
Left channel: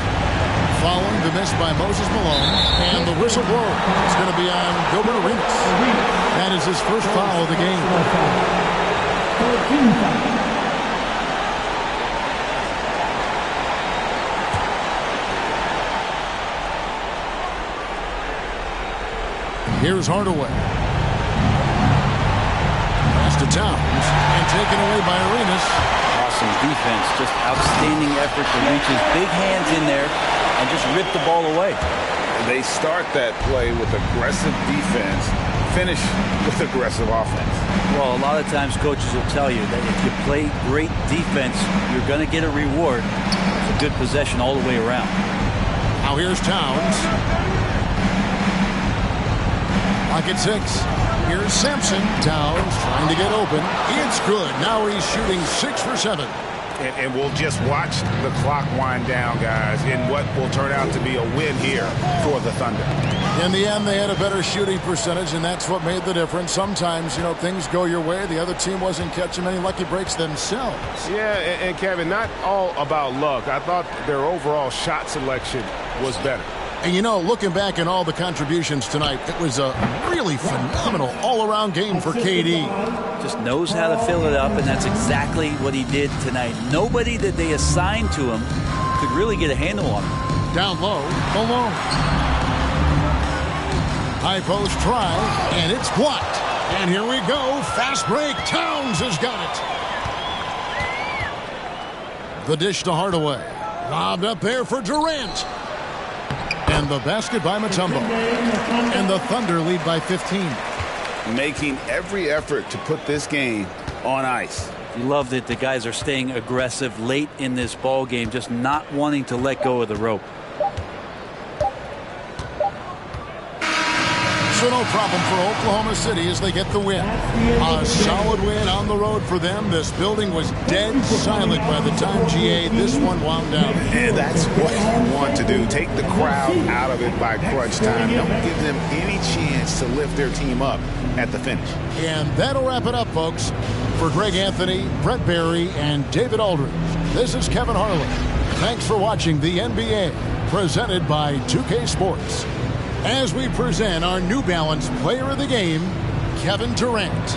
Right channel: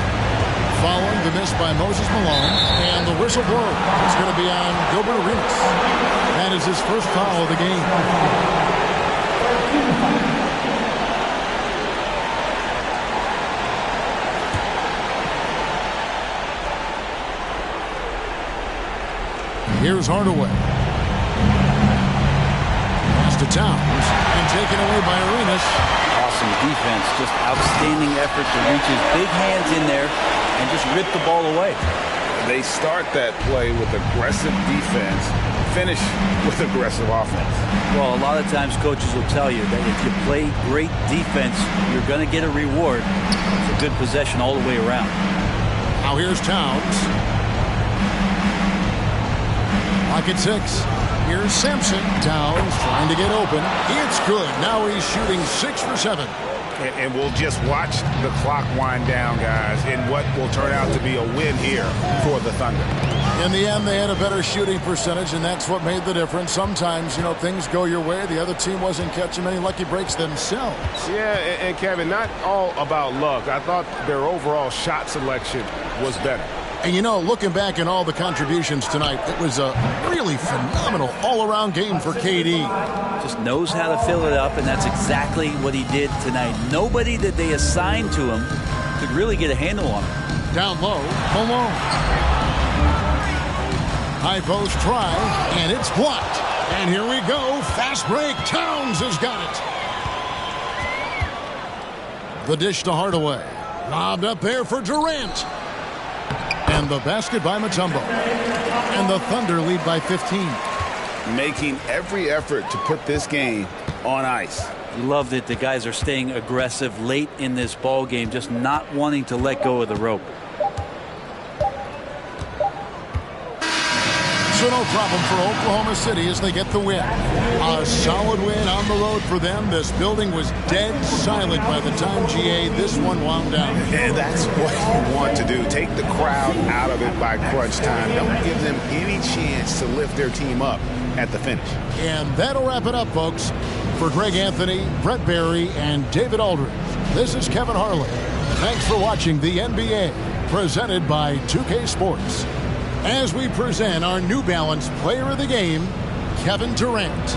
Following the miss by Moses Malone, and the whistle blows. It's going to be on Gilbert Arenas. That is his first foul of the game. Here's Hardaway. Pass to Towns and taken away by Arenas. Awesome defense. Just outstanding effort to reach his big hands in there and just rip the ball away. They start that play with aggressive defense, finish with aggressive offense. Well, a lot of times coaches will tell you that if you play great defense, you're going to get a reward. It's a good possession all the way around. Now here's Towns. Lock at 6. Here's Sampson. Towns trying to get open. It's good. Now he's shooting 6 for 7. And we'll just watch the clock wind down, guys, in what will turn out to be a win here for the Thunder. In the end, they had a better shooting percentage, and that's what made the difference. Sometimes, things go your way. The other team wasn't catching many lucky breaks themselves. Yeah, and Kevin, not all about luck. I thought their overall shot selection was better. And looking back at all the contributions tonight, it was a really phenomenal all-around game for KD. Just knows how to fill it up, and that's exactly what he did tonight. Nobody that they assigned to him could really get a handle on him. Down low, Malone. High post try, and it's blocked. And here we go. Fast break. Towns has got it. The dish to Hardaway. Lobbed up there for Durant. And the basket by Mutombo. And the Thunder lead by 15. Making every effort to put this game on ice. You love that the guys are staying aggressive late in this ball game, just not wanting to let go of the rope. So no problem for Oklahoma City as they get the win. A solid win on the road for them. This building was dead silent by the time, GA, this one wound down. And that's what you want to do. Take the crowd out of it by crunch time. Don't give them any chance to lift their team up at the finish. And that'll wrap it up, folks. For Greg Anthony, Brett Barry, and David Aldridge, this is Kevin Harlan. Thanks for watching the NBA, presented by 2K Sports. As we present our New Balance Player of the Game, Kevin Durant.